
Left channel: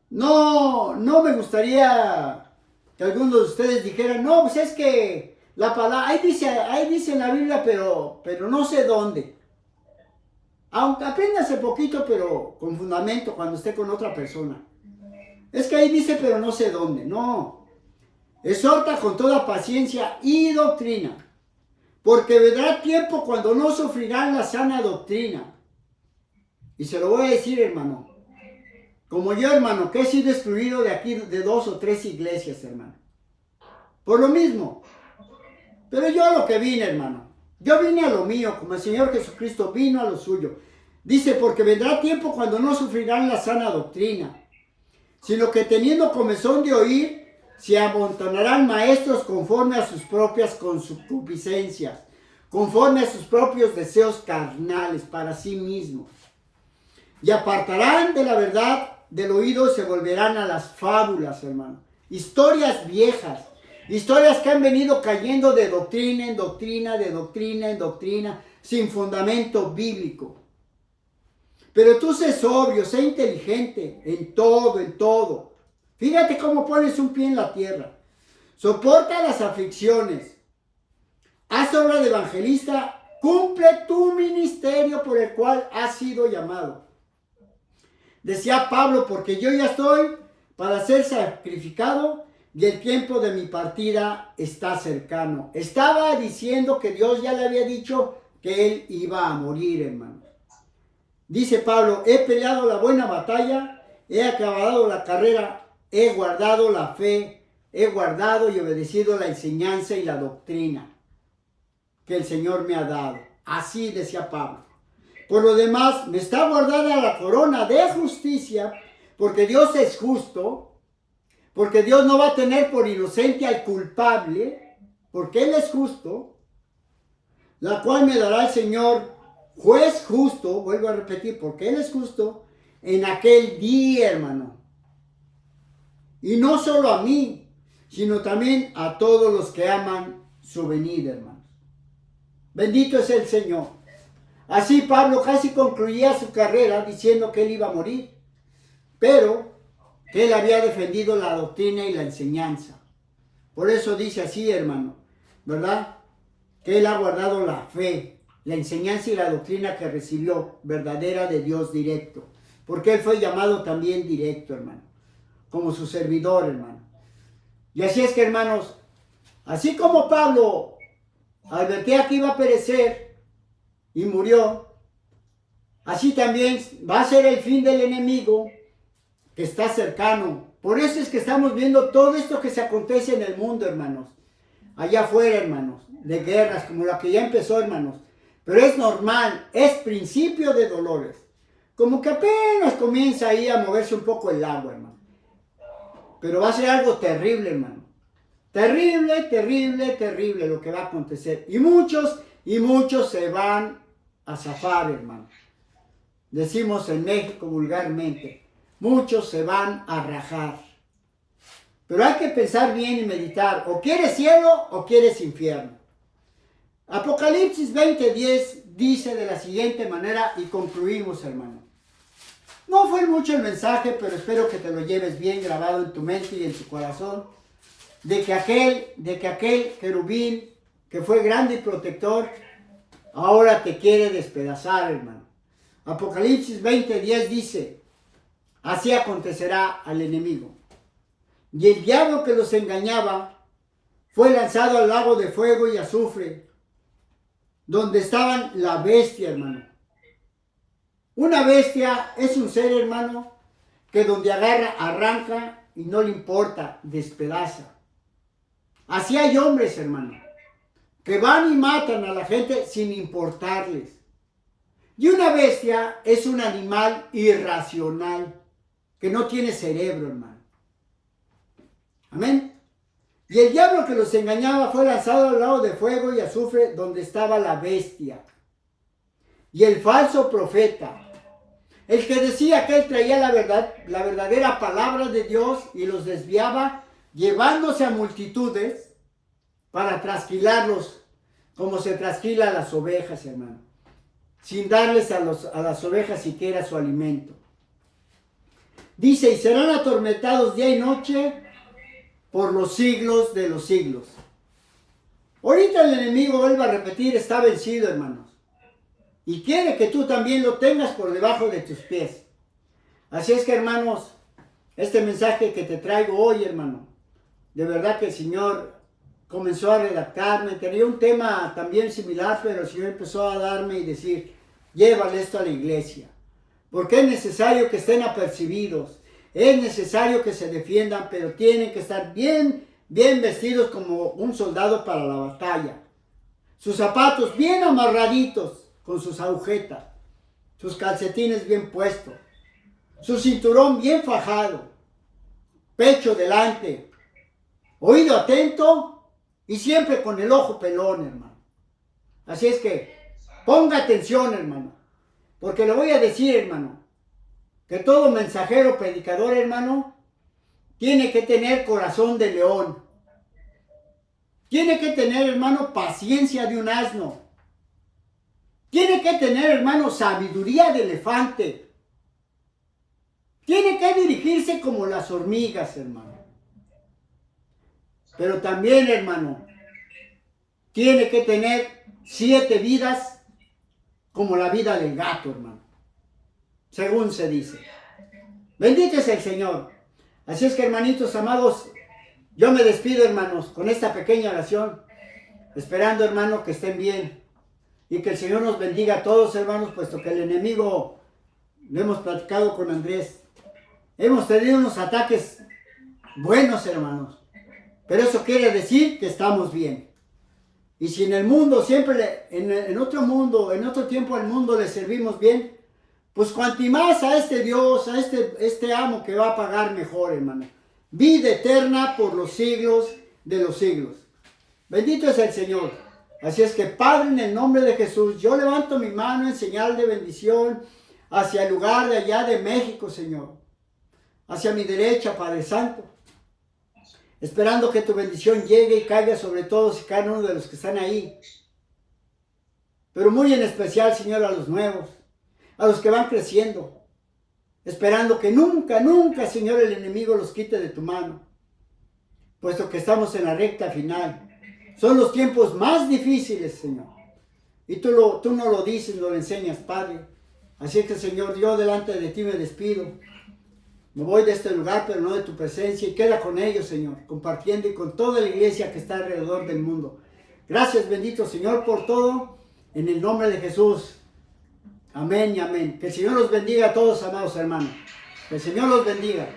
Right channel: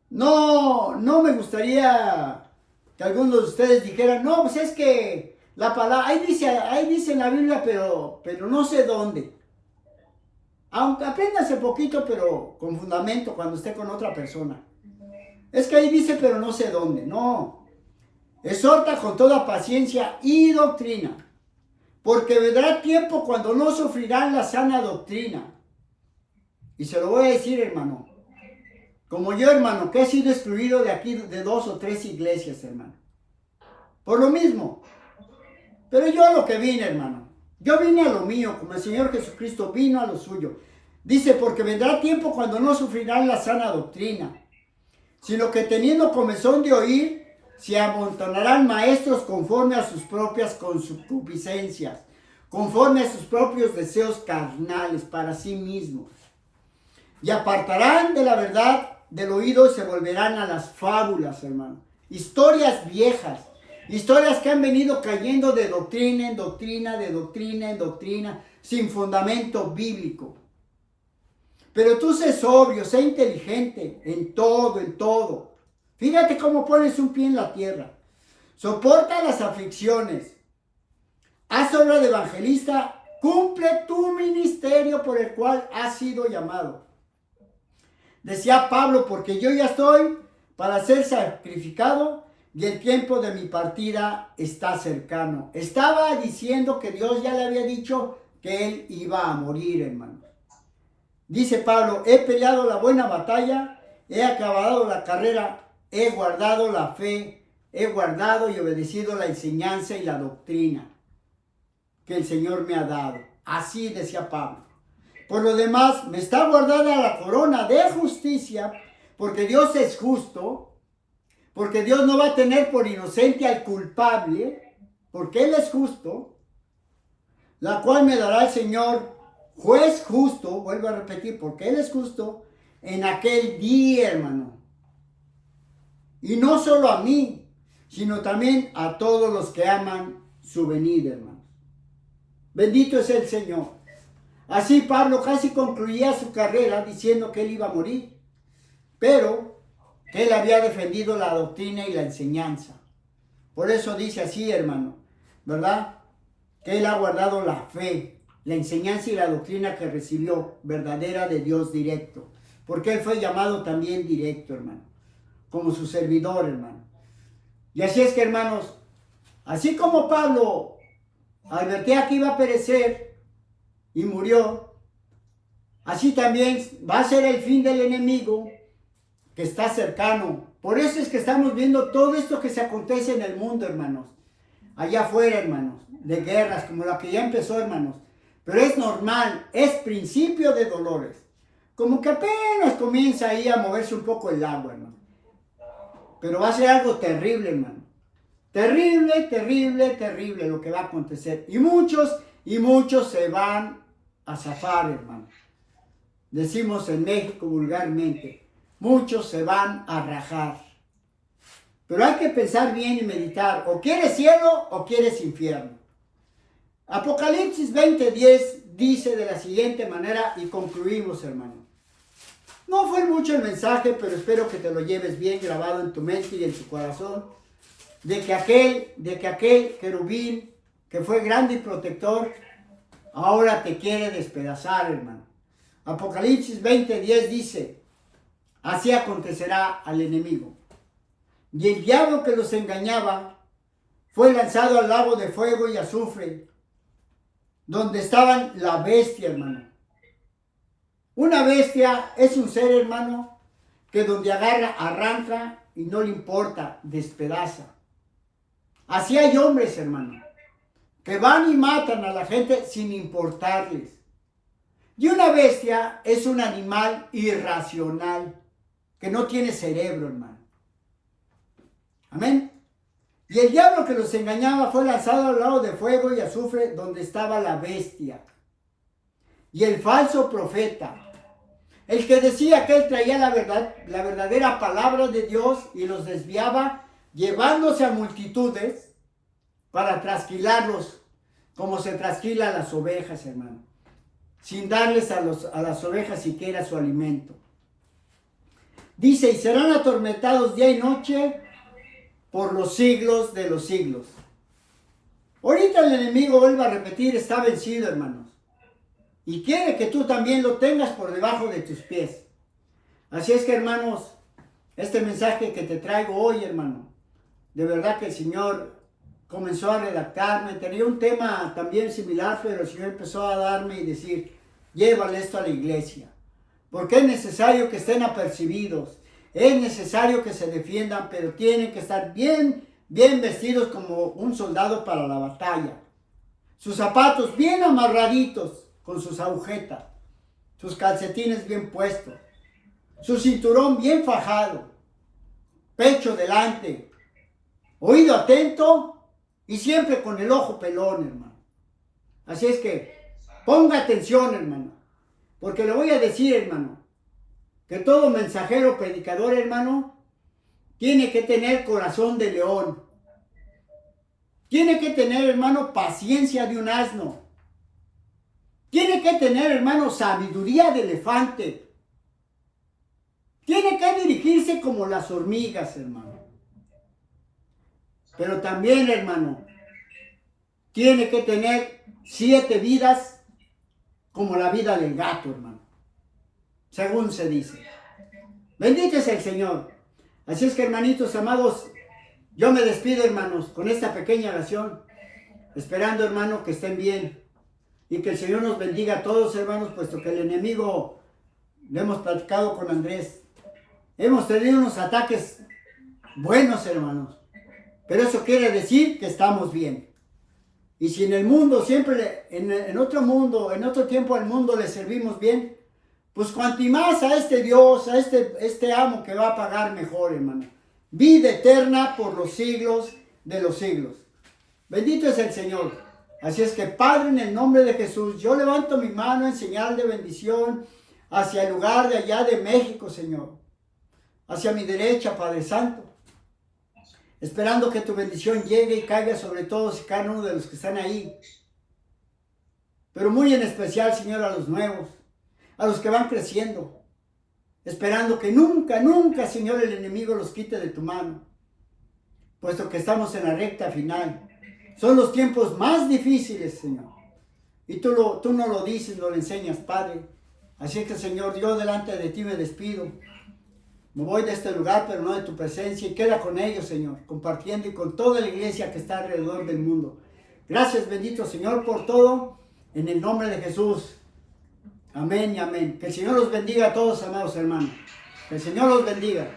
No me gustaría que algunos de ustedes dijeran, no, pues es que la palabra, ahí dice en la Biblia, pero no sé dónde. Aunque apréndase poquito, pero con fundamento cuando esté con otra persona. Es que ahí dice, pero no sé dónde. No. Exhorta con toda paciencia y doctrina, porque vendrá tiempo cuando no sufrirán la sana doctrina. Y se lo voy a decir, hermano. Como yo, hermano, que he sido excluido de aquí de 2 o 3 iglesias, hermano. Por lo mismo. Pero yo a lo que vine, hermano. Yo vine a lo mío, como el Señor Jesucristo vino a lo suyo. Dice, porque vendrá tiempo cuando no sufrirán la sana doctrina, sino que teniendo comezón de oír, se amontonarán maestros conforme a sus propias concupiscencias, conforme a sus propios deseos carnales para sí mismos. Y apartarán de la verdad del oído y se volverán a las fábulas, hermano. Historias viejas, historias que han venido cayendo de doctrina en doctrina, de doctrina en doctrina, sin fundamento bíblico. Pero tú sé sobrio, sé inteligente en todo, en todo. Fíjate cómo pones un pie en la tierra. Soporta las aflicciones. Haz obra de evangelista. Cumple tu ministerio por el cual has sido llamado. Decía Pablo, porque yo ya estoy para ser sacrificado y el tiempo de mi partida está cercano. Estaba diciendo que Dios ya le había dicho que él iba a morir, hermanos. Dice Pablo, he peleado la buena batalla, he acabado la carrera, he guardado la fe, he guardado y obedecido la enseñanza y la doctrina que el Señor me ha dado. Así decía Pablo. Por lo demás, me está guardada la corona de justicia, porque Dios es justo, porque Dios no va a tener por inocente al culpable, porque Él es justo, la cual me dará el Señor, juez justo, vuelvo a repetir, porque Él es justo, en aquel día, hermano. Y no solo a mí, sino también a todos los que aman su venida, hermanos. Bendito es el Señor. Así Pablo casi concluía su carrera diciendo que él iba a morir, pero que él había defendido la doctrina y la enseñanza. Por eso dice así, hermano, ¿verdad? Que él ha guardado la fe, la enseñanza y la doctrina que recibió, verdadera de Dios directo. Porque él fue llamado también directo, hermano, como su servidor, hermano. Y así es que, hermanos, así como Pablo advertía que iba a perecer, y murió, así también va a ser el fin del enemigo que está cercano. Por eso es que estamos viendo todo esto que se acontece en el mundo, hermanos. Allá afuera, hermanos, de guerras como la que ya empezó, hermanos. Pero es normal, es principio de dolores. Como que apenas comienza ahí a moverse un poco el agua, hermano. Pero va a ser algo terrible, hermano. Terrible, terrible, terrible lo que va a acontecer. Y muchos se van a zafar, hermano. Decimos en México vulgarmente, muchos se van a rajar. Pero hay que pensar bien y meditar, o quieres cielo o quieres infierno. Apocalipsis 20:10 dice de la siguiente manera, y concluimos, hermano. No fue mucho el mensaje, pero espero que te lo lleves bien grabado en tu mente y en tu corazón, de que aquel querubín que fue grande y protector, ahora te quiere despedazar, hermano. Apocalipsis 20:10 dice, así acontecerá al enemigo. Y el diablo que los engañaba fue lanzado al lago de fuego y azufre, donde estaban la bestia, hermano, Una bestia es un ser, hermano, que donde agarra, arranca y no le importa, despedaza. Así hay hombres, hermano, que van y matan a la gente sin importarles. Y una bestia es un animal irracional, que no tiene cerebro, hermano. Amén. Y el diablo que los engañaba fue lanzado al lago de fuego y azufre donde estaba la bestia. Y el falso profeta, el que decía que él traía la verdad, la verdadera palabra de Dios y los desviaba, llevándose a multitudes para trasquilarlos, como se trasquila a las ovejas, hermano, sin darles a las ovejas siquiera su alimento. Dice, y serán atormentados día y noche por los siglos de los siglos. Ahorita el enemigo, vuelvo a repetir, está vencido, hermanos. Y quiere que tú también lo tengas por debajo de tus pies. Así es que, hermanos, este mensaje que te traigo hoy, hermano, de verdad que el Señor comenzó a redactarme. Tenía un tema también similar, pero el Señor empezó a darme y decir, llévale esto a la iglesia. Porque es necesario que estén apercibidos. Es necesario que se defiendan, pero tienen que estar bien vestidos como un soldado para la batalla. Sus zapatos bien amarraditos con sus agujetas. Sus calcetines bien puestos. Su cinturón bien fajado. Pecho delante. Oído atento y siempre con el ojo pelón, hermano. Así es que ponga atención, hermano. Porque le voy a decir, hermano, que todo mensajero, predicador, hermano, tiene que tener corazón de león. Tiene que tener, hermano, paciencia de un asno. Tiene que tener, hermano, sabiduría de elefante. Tiene que dirigirse como las hormigas, hermano. Pero también, hermano, tiene que tener 7 vidas como la vida del gato, hermano. Según se dice. Bendito es el Señor. Así es que, hermanitos amados, yo me despido, hermanos, con esta pequeña oración, esperando, hermano, que estén bien y que el Señor nos bendiga a todos, hermanos, puesto que el enemigo, lo hemos platicado con Andrés, hemos tenido unos ataques buenos, hermanos, pero eso quiere decir que estamos bien. Y si en el mundo, siempre en otro mundo, en otro tiempo al mundo le servimos bien, pues cuanto más a este Dios, a este amo que va a pagar mejor, hermano. Vida eterna por los siglos de los siglos. Bendito es el Señor. Así es que, Padre, en el nombre de Jesús, yo levanto mi mano en señal de bendición hacia el lugar de allá de México, Señor. Hacia mi derecha, Padre Santo. Esperando que tu bendición llegue y caiga sobre todos y cada uno de los que están ahí. Pero muy en especial, Señor, a los nuevos, a los que van creciendo, esperando que nunca, nunca, Señor, el enemigo los quite de tu mano, puesto que estamos en la recta final. Son los tiempos más difíciles, Señor, y tú no lo dices, no lo enseñas, Padre. Así es que, Señor, yo delante de ti me despido. Me voy de este lugar, pero no de tu presencia, y queda con ellos, Señor, compartiendo y con toda la iglesia que está alrededor del mundo. Gracias, bendito Señor, por todo, en el nombre de Jesús. Amén y amén. Que el Señor los bendiga a todos, amados hermanos. Que el Señor los bendiga.